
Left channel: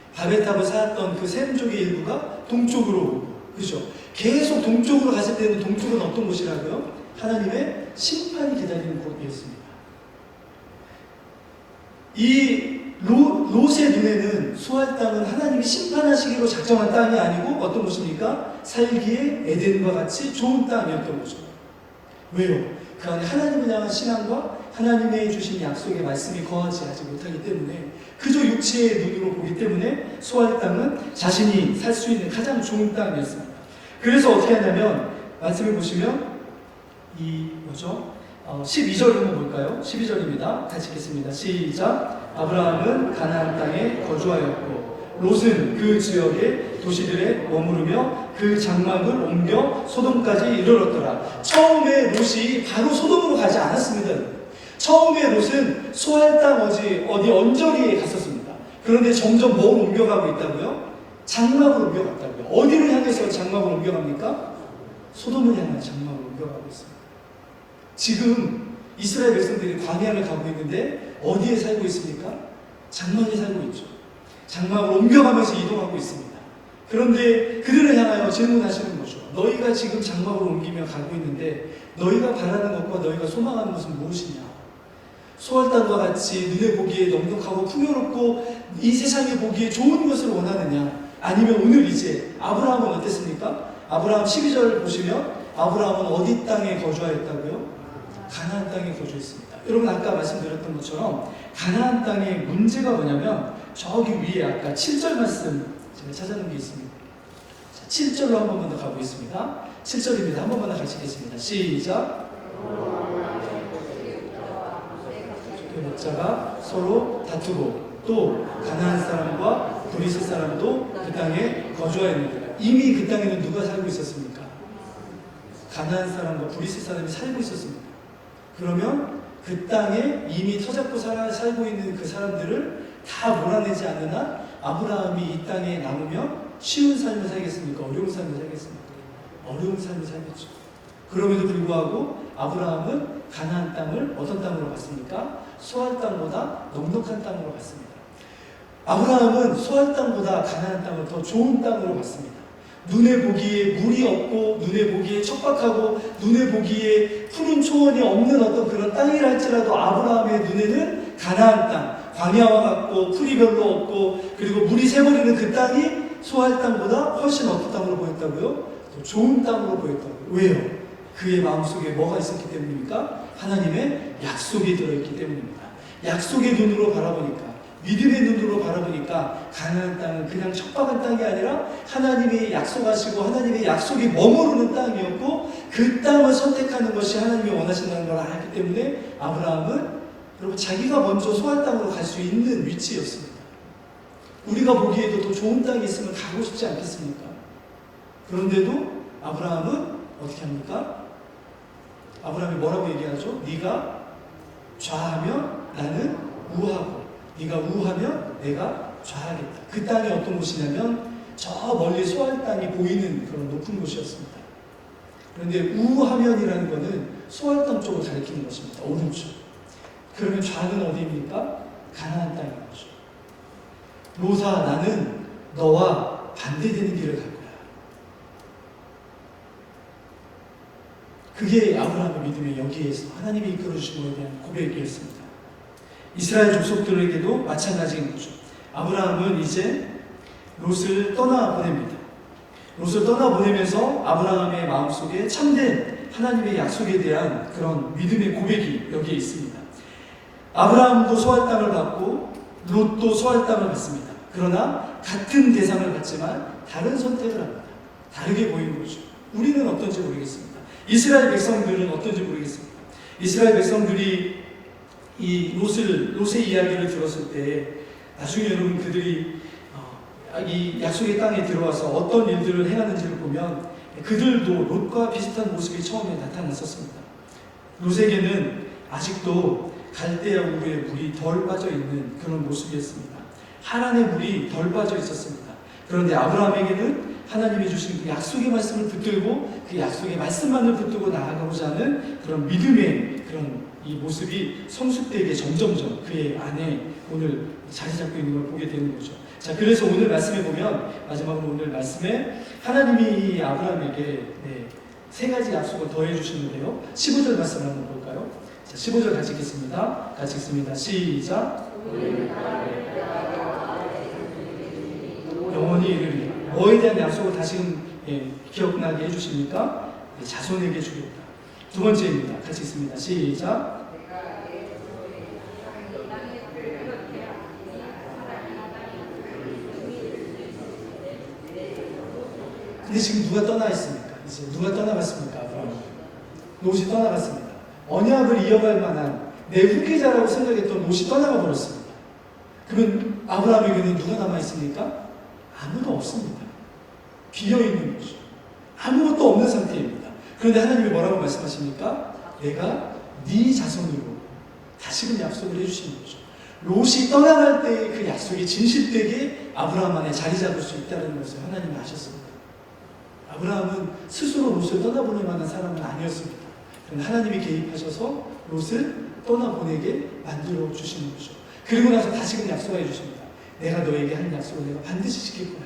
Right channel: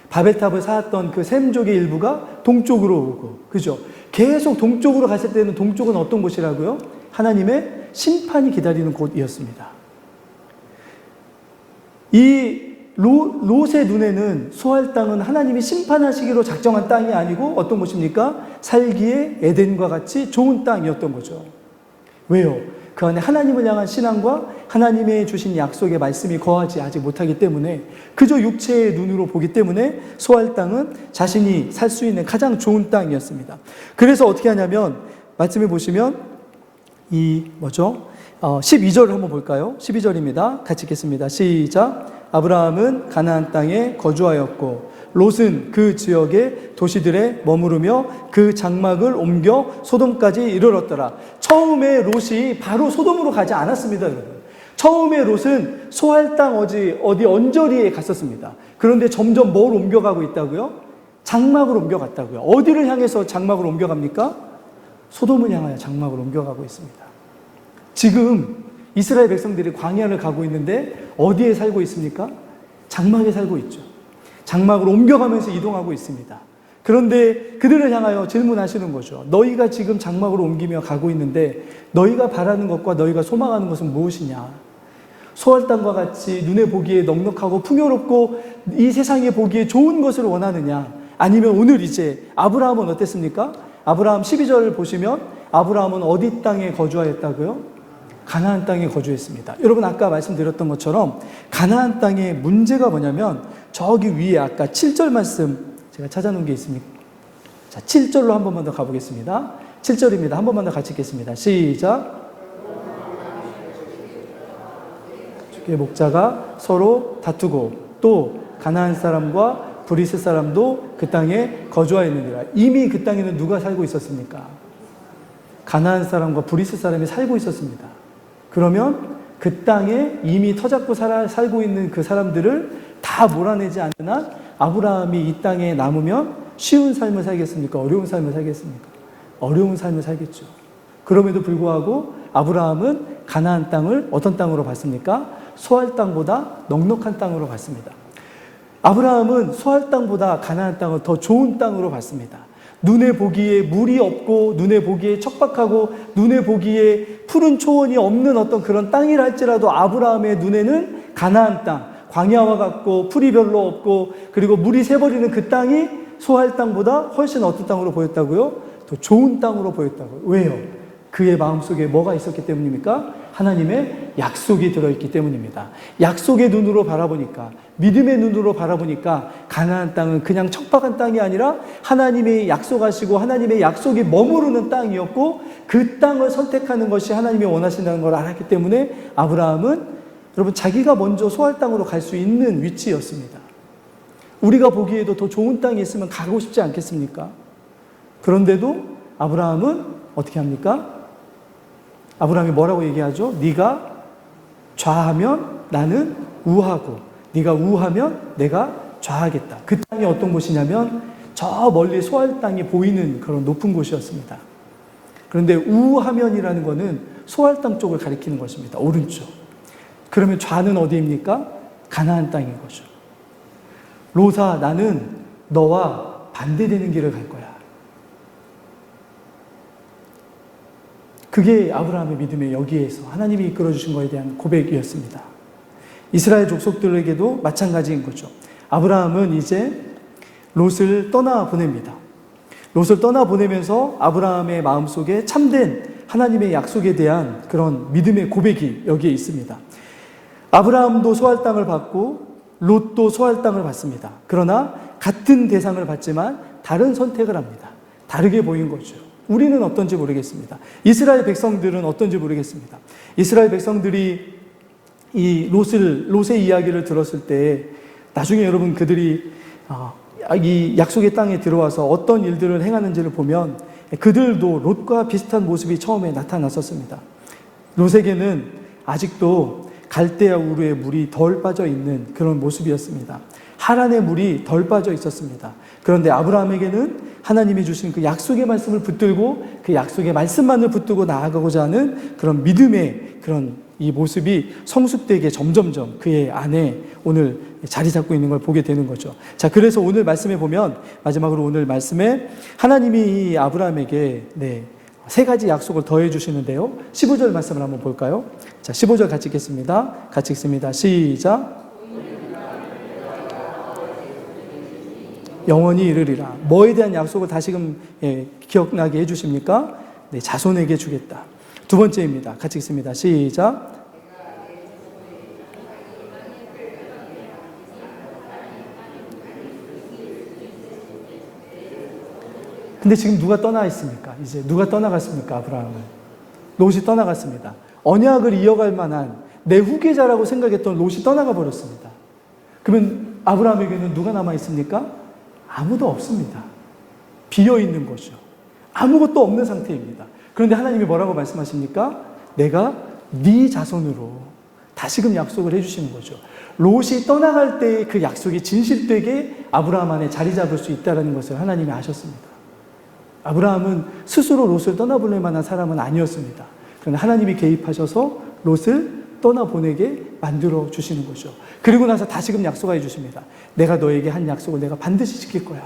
바벨탑을 쌓았던 그 셈족의 일부가 동쪽으로 오고, 그죠? 계속 동쪽으로 갔을 때는 동쪽은 어떤 곳이라고요? 하나님의 심판이 기다리는 곳이었습니다. 이 롯의 눈에는 소알 땅은 하나님이 심판하시기로 작정한 땅이 아니고 어떤 곳입니까? 살기에 에덴과 같이 좋은 땅이었던 거죠. 왜요? 그 안에 하나님을 향한 신앙과 하나님의 주신 약속의 말씀이 거하지 아직 못하기 때문에 그저 육체의 눈으로 보기 때문에 소알 땅은 자신이 살 수 있는 가장 좋은 땅이었습니다. 그래서 어떻게 하냐면 말씀을 보시면 12절을 한번 볼까요? 12절입니다. 같이 읽겠습니다. 시작. 아브라함은 가나안 땅에 거주하였고 롯은 그 지역의 도시들에 머무르며 그 장막을 옮겨 소돔까지 이르렀더라. 처음에 롯이 바로 소돔으로 가지 않았습니다. 처음에 롯은 소알 땅 어디 언저리에 갔었습니다. 그런데 점점 뭘 옮겨가고 있다고요? 장막을 옮겨갔다고요. 어디를 향해서 장막을 옮겨갑니까? 소돔을 향하여 장막을 옮겨가고 있습니다. 지금 이스라엘 백성들이 광야를 가고 있는데 어디에 살고 있습니까? 장막에 살고 있죠. 장막을 옮겨가면서 이동하고 있습니다. 그런데 그들을 향하여 질문하시는 거죠. 너희가 지금 장막으로 옮기며 가고 있는데 너희가 바라는 것과 너희가 소망하는 것은 무엇이냐? 소알 땅과 같이 눈에 보기에 넉넉하고 풍요롭고 이 세상에 보기에 좋은 것을 원하느냐? 아니면 오늘 이제 아브라함은 어땠습니까? 아브라함 12절을 보시면 아브라함은 어디 땅에 거주하였다고요? 가나안 땅에 거주했습니다. 여러분 아까 말씀드렸던 것처럼 가나안 땅의 문제가 뭐냐면 저기 위에 아까 7절 말씀 제가 찾아놓은 게 있습니다. 자, 7절로 한 번만 더 가보겠습니다. 7절입니다. 한 번만 더 같이 읽겠습니다. 시작. 목자가 서로 다투고 또 가나안 사람과 브리스 사람도 그 땅에 거주하였느니라. 이미 그 땅에는 누가 살고 있었습니까? 가나안 사람과 브리스 사람이 살고 있었습니다. 그러면 그 땅에 이미 터잡고 살고 있는 그 사람들을 다 몰아내지 않는 한 아브라함이 이 땅에 남으면 쉬운 삶을 살겠습니까? 어려운 삶을 살겠습니까? 어려운 삶을 살겠죠. 그럼에도 불구하고 아브라함은 가나안 땅을 어떤 땅으로 봤습니까? 소알 땅보다 넉넉한 땅으로 봤습니다. 아브라함은 소알 땅보다 가나안 땅을 더 좋은 땅으로 봤습니다. 눈에 보기에 물이 없고 눈에 보기에 척박하고 눈에 보기에 푸른 초원이 없는 어떤 그런 땅이라 할지라도 아브라함의 눈에는 가나안 땅, 광야와 같고 풀이 별로 없고 그리고 물이 새버리는 그 땅이 소알 땅보다 훨씬 어떤 땅으로 보였다고요? 더 좋은 땅으로 보였다고요. 왜요? 그의 마음속에 뭐가 있었기 때문입니까? 하나님의 약속이 들어있기 때문입니다. 약속의 눈으로 바라보니까, 믿음의 눈으로 바라보니까 가나안 땅은 그냥 척박한 땅이 아니라 하나님이 약속하시고 하나님의 약속이 머무르는 땅이었고 그 땅을 선택하는 것이 하나님이 원하신다는 걸 알았기 때문에 아브라함은 여러분 자기가 먼저 소알 땅으로 갈 수 있는 위치였습니다. 우리가 보기에도 더 좋은 땅이 있으면 가고 싶지 않겠습니까? 그런데도 아브라함은 어떻게 합니까? 아브라함이 뭐라고 얘기하죠? 네가 좌하면 나는 우하고 네가 우하면 내가 좌하겠다. 그 땅이 어떤 곳이냐면 저 멀리 소알 땅이 보이는 그런 높은 곳이었습니다. 그런데 우하면이라는 것은 소알 땅 쪽을 가리키는 것입니다. 오른쪽. 그러면 좌는 어디입니까? 가나안 땅인 거죠. 롯아, 나는 너와 반대되는 길을 갈 거야. 그게 아브라함의 믿음의 여기에서 하나님이 이끌어주신 것에 대한 고백이었습니다. 이스라엘 족속들에게도 마찬가지인 거죠. 아브라함은 이제 롯을 떠나보냅니다. 롯을 떠나보내면서 아브라함의 마음속에 참된 하나님의 약속에 대한 그런 믿음의 고백이 여기에 있습니다. 아브라함도 소알 땅을 받고 롯도 소알 땅을 받습니다. 그러나 같은 대상을 받지만 다른 선택을 합니다. 다르게 보인 거죠. 우리는 어떤지 모르겠습니다. 이스라엘 백성들은 어떤지 모르겠습니다. 이스라엘 백성들이 이 롯의 이야기를 들었을 때 나중에 여러분 그들이 이 약속의 땅에 들어와서 어떤 일들을 행하는지를 보면 그들도 롯과 비슷한 모습이 처음에 나타났었습니다. 롯에게는 아직도 갈대아 우르의 물이 덜 빠져 있는 그런 모습이었습니다. 하란의 물이 덜 빠져 있었습니다. 그런데 아브라함에게는 하나님이 주신 그 약속의 말씀을 붙들고 그 약속의 말씀만을 붙들고 나아가고자 하는 그런 믿음의 그런 이 모습이 성숙되게 점점점 그의 안에 오늘 자리 잡고 있는 걸 보게 되는 거죠. 자, 그래서 오늘 말씀에 보면 마지막으로 오늘 말씀에 하나님이 이 아브라함에게 세 가지 약속을 더해 주시는데요. 15절 말씀을 한번 볼까요? 자, 15절 같이 읽겠습니다. 같이 읽습니다. 시작. 영원히 이르리라. 뭐에 대한 약속을 다시금 기억나게 해주십니까? 자손에게 주겠다. 두 번째입니다. 같이 읽습니다. 시작. 근데 지금 누가 떠나 있습니까? 이제 누가 떠나갔습니까? 아브라함은. 롯이 떠나갔습니다. 언약을 이어갈 만한 내 후계자라고 생각했던 롯이 떠나가 버렸습니다. 그러면 아브라함에게는 누가 남아 있습니까? 아무도 없습니다. 비어 있는 거죠. 아무것도 없는 상태입니다. 그런데 하나님이 뭐라고 말씀하십니까? 내가 네 자손으로 다시금 약속을 해주시는 거죠. 롯이 떠나갈 때 그 약속이 진실되게 아브라함 안에 자리 잡을 수 있다는 것을 하나님이 아셨습니다. 아브라함은 스스로 롯을 떠나보낼 만한 사람은 아니었습니다. 그런데 하나님이 개입하셔서 롯을 떠나보내게 만들어 주시는 거죠. 그리고 나서 다시금 약속해 주십니다. 내가 너에게 한 약속을 내가 반드시 지킬 거야.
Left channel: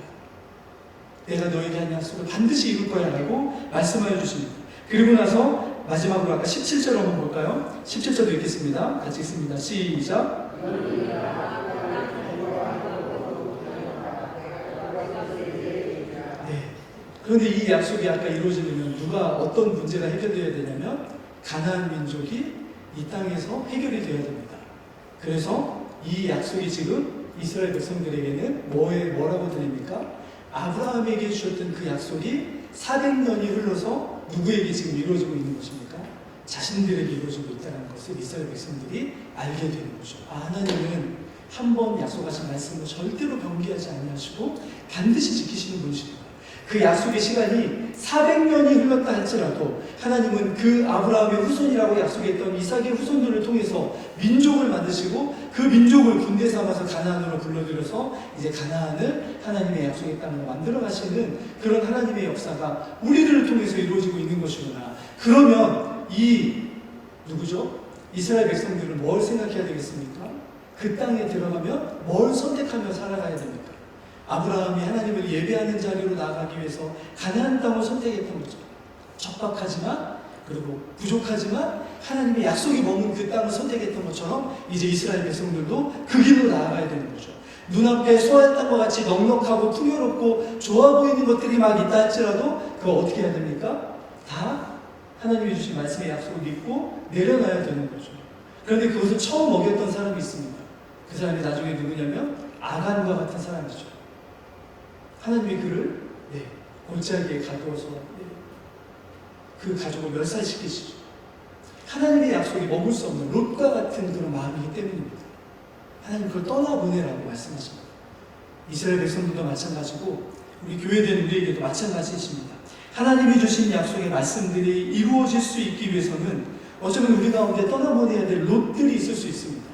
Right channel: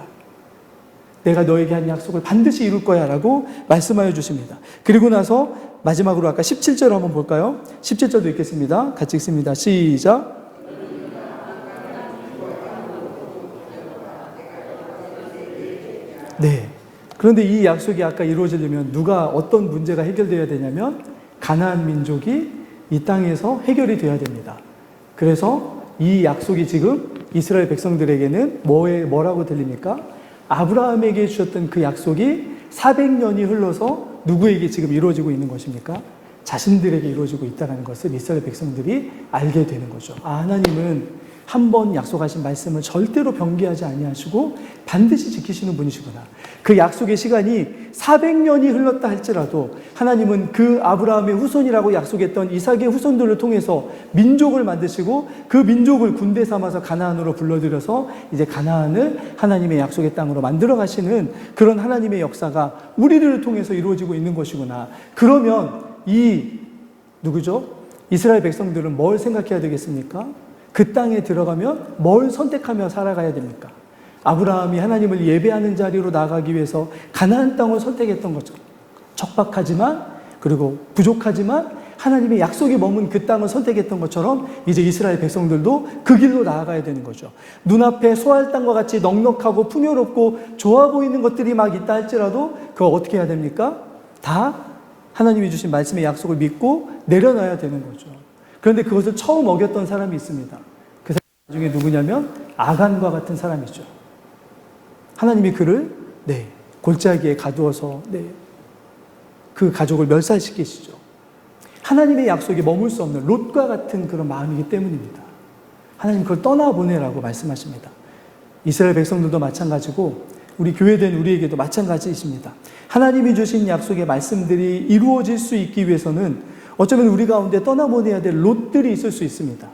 내가 너에게 한 약속을 반드시 이룰 거야 라고 말씀하여 주십니다. 그리고 나서 마지막으로 아까 17절 한번 볼까요? 17절도 읽겠습니다. 같이 읽습니다. 시작. 네. 그런데 이 약속이 아까 이루어지려면 누가 어떤 문제가 해결되어야 되냐면 가나안 민족이 이 땅에서 해결이 되어야 됩니다. 그래서 이 약속이 지금 이스라엘 백성들에게는 뭐라고 들립니까? 아브라함에게 주셨던 그 약속이 400년이 흘러서 누구에게 지금 이루어지고 있는 것입니까? 자신들에게 이루어지고 있다는 것을 이스라엘 백성들이 알게 되는 거죠. 하나님은 한 번 약속하신 말씀을 절대로 변개하지 아니하시고 반드시 지키시는 분이시구나. 그 약속의 시간이 400년이 흘렀다 할지라도 하나님은 그 아브라함의 후손이라고 약속했던 이삭의 후손들을 통해서 민족을 만드시고 그 민족을 군대 삼아서 가나안으로 불러들여서 이제 가나안을 하나님의 약속의 땅으로 만들어 가시는 그런 하나님의 역사가 우리를 통해서 이루어지고 있는 것이구나. 그러면 누구죠? 이스라엘 백성들은 뭘 생각해야 되겠습니까? 그 땅에 들어가면 뭘 선택하며 살아가야 됩니까? 아브라함이 하나님을 예배하는 자리로 나가기 위해서 가나안 땅을 선택했던 것처럼 척박하지만 그리고 부족하지만 하나님의 약속이 머문 그 땅을 선택했던 것처럼 이제 이스라엘 백성들도 그 길로 나아가야 되는 거죠. 눈앞에 소알 땅과 같이 넉넉하고 풍요롭고 좋아 보이는 것들이 막 있다 할지라도 그걸 어떻게 해야 됩니까? 다 하나님이 주신 말씀의 약속을 믿고 내려놔야 되는 거죠. 그런데 그것을 처음 어겼던 사람이 있습니다. 그 사람이 나중에 누구냐면 아간과 같은 사람이죠. 하나님이 그를 골짜기에 가두어서 그 가족을 멸살시키시죠. 하나님의 약속에 머물 수 없는 롯과 같은 그런 마음이기 때문입니다. 하나님 그걸 떠나보내라고 말씀하십니다. 이스라엘 백성들도 마찬가지고 우리 교회된 우리에게도 마찬가지이십니다. 하나님이 주신 약속의 말씀들이 이루어질 수 있기 위해서는 어쩌면 우리 가운데 떠나보내야 될 롯들이 있을 수 있습니다.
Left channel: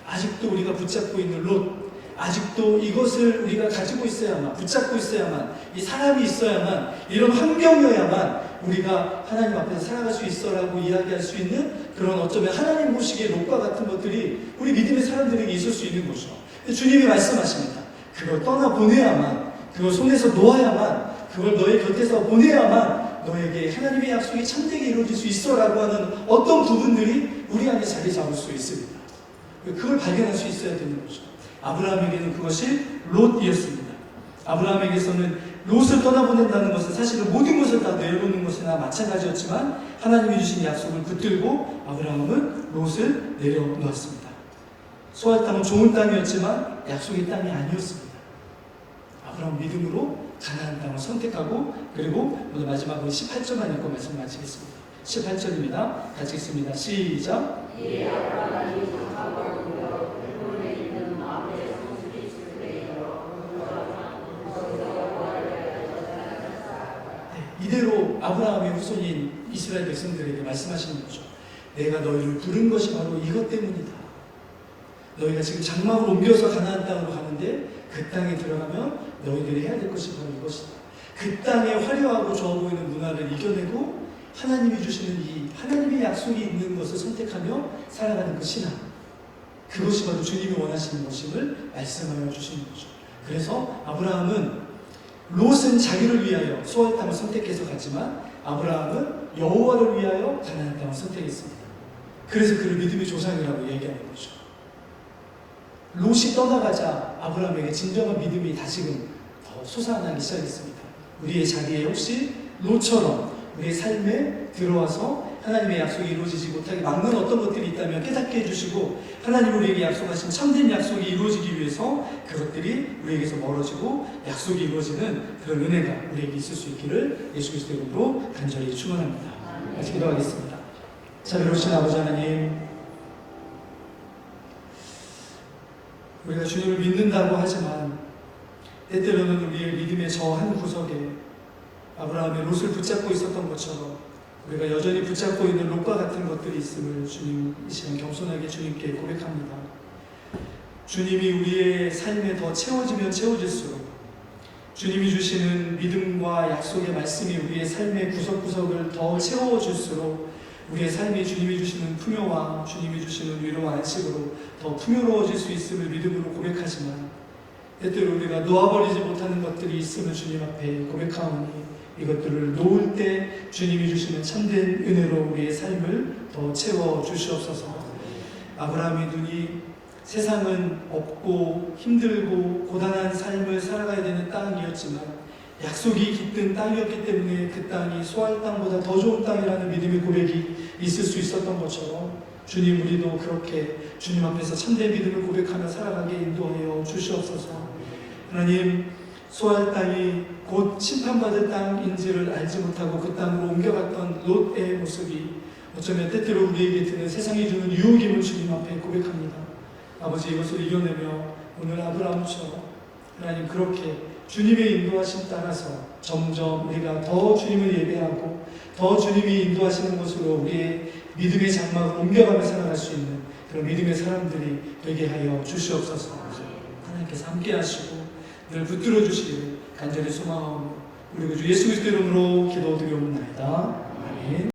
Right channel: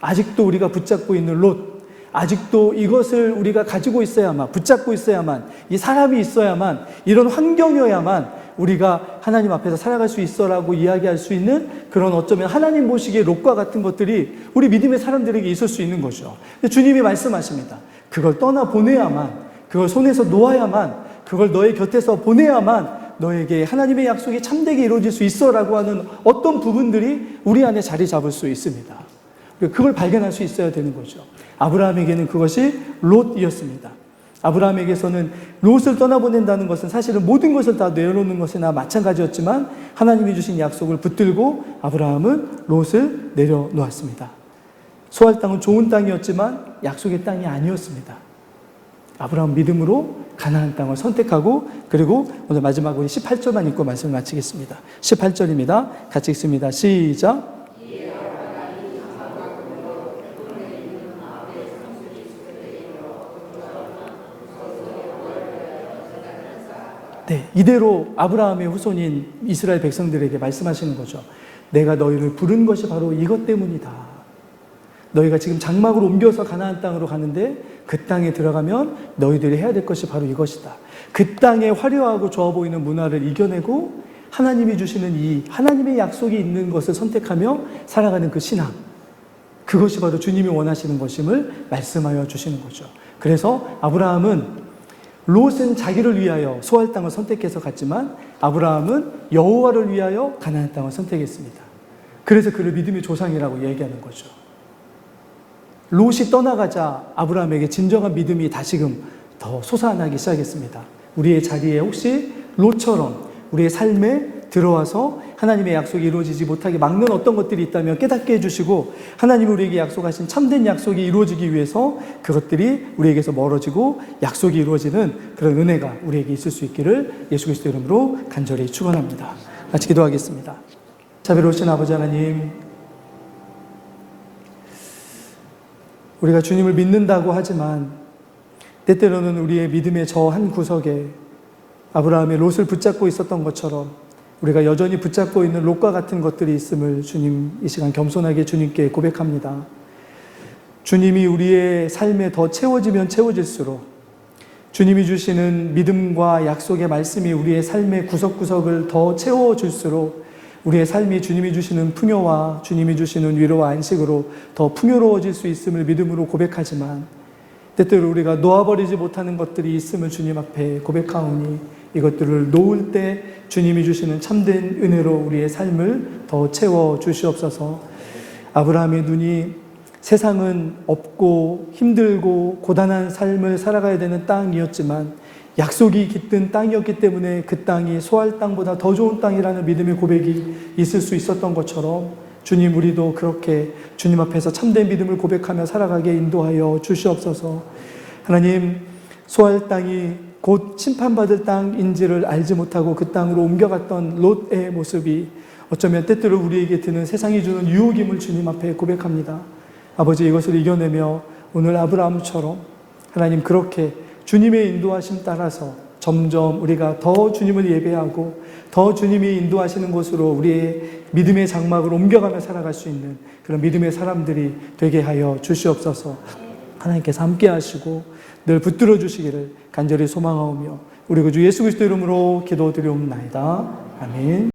아직도 우리가 붙잡고 있는 롯, 아직도 이것을 우리가 가지고 있어야만, 붙잡고 있어야만, 이 사람이 있어야만, 이런 환경이어야만 우리가 하나님 앞에서 살아갈 수 있어라고 이야기할 수 있는 그런 어쩌면 하나님 보시기에 롯과 같은 것들이 우리 믿음의 사람들에게 있을 수 있는 거죠. 주님이 말씀하십니다. 그걸 떠나보내야만, 그걸 손에서 놓아야만, 그걸 너의 곁에서 보내야만 너에게 하나님의 약속이 참되게 이루어질 수 있어라고 하는 어떤 부분들이 우리 안에 자리 잡을 수 있습니다. 그걸 발견할 수 있어야 되는 거죠. 아브라함에게는 그것이 롯이었습니다. 아브라함에게서는 롯을 떠나보낸다는 것은 사실은 모든 것을 다 내려놓는 것이나 마찬가지였지만 하나님이 주신 약속을 붙들고 아브라함은 롯을 내려놓았습니다. 소알 땅은 좋은 땅이었지만 약속의 땅이 아니었습니다. 아브라함 믿음으로 가나안 땅을 선택하고 그리고 오늘 마지막으로 18절만 읽고 말씀을 마치겠습니다. 18절입니다. 같이 읽습니다. 시작. 이대로 아브라함의 후손인 이스라엘 백성들에게 말씀하시는 거죠. 내가 너희를 부른 것이 바로 이것 때문이다. 너희가 지금 장막을 옮겨서 가나안 땅으로 가는데 그 땅에 들어가면 너희들이 해야 될 것이 바로 이것이다. 그 땅의 화려하고 좋아 보이는 문화를 이겨내고 하나님이 주시는 이 하나님의 약속이 있는 것을 선택하며 살아가는 그 신앙, 그것이 바로 주님이 원하시는 것임을 말씀하여 주시는 거죠. 그래서 아브라함은 롯은 자기를 위하여 소알 땅을 선택해서 갔지만 아브라함은 여호와를 위하여 가나안 땅을 선택했습니다. 그래서 그를 믿음의 조상이라고 얘기하는 거죠. 롯이 떠나가자 아브라함에게 진정한 믿음이 다시금 더 솟아나기 시작했습니다. 우리의 자리에 혹시 롯처럼 우리의 삶에 들어와서 하나님의 약속이 이루어지지 못하게 막는 어떤 것들이 있다면 깨닫게 해주시고 하나님이 우리에게 약속하신 참된 약속이 이루어지기 위해서 그것들이 우리에게서 멀어지고 약속이 이루어지는 그런 은혜가 우리에게 있을 수 있기를 예수 그리스도 이름으로 간절히 축원합니다. 같이 기도하겠습니다. 자비로우신 아버지 하나님, 우리가 주님을 믿는다고 하지만 때때로는 우리의 믿음의 저 한 구석에 아브라함의 롯을 붙잡고 있었던 것처럼 우리가 여전히 붙잡고 있는 롯과 같은 것들이 있음을 주님 이 시간 겸손하게 주님께 고백합니다. 주님이 우리의 삶에 더 채워지면 채워질수록 주님이 주시는 믿음과 약속의 말씀이 우리의 삶의 구석구석을 더 채워줄수록 우리의 삶이 주님이 주시는 풍요와 주님이 주시는 위로와 안식으로 더 풍요로워질 수 있음을 믿음으로 고백하지만 때때로 우리가 놓아버리지 못하는 것들이 있음을 주님 앞에 고백하오니 이것들을 놓을 때 주님이 주시는 참된 은혜로 우리의 삶을 더 채워 주시옵소서. 아브라함의 눈이 세상은 없고 힘들고 고단한 삶을 살아가야 되는 땅이었지만 약속이 깃든 땅이었기 때문에 그 땅이 소알 땅보다 더 좋은 땅이라는 믿음의 고백이 있을 수 있었던 것처럼 주님, 우리도 그렇게 주님 앞에서 참된 믿음을 고백하며 살아가게 인도하여 주시옵소서. 하나님, 소알 땅이 곧 심판받을 땅인지를 알지 못하고 그 땅으로 옮겨갔던 롯의 모습이 어쩌면 때때로 우리에게 드는 세상이 주는 유혹임을 주님 앞에 고백합니다. 아버지, 이것을 이겨내며 오늘 아브라함처럼 하나님 그렇게 주님의 인도하심 따라서 점점 우리가 더 주님을 예배하고 더 주님이 인도하시는 곳으로 우리의 믿음의 장막을 옮겨가며 살아갈 수 있는 그런 믿음의 사람들이 되게 하여 주시옵소서. 하나님께서 함께 하시고 늘 붙들어 주시기를 간절히 소망하오며 우리 구주 예수 그리스도 이름으로 기도드리옵나이다. 아멘.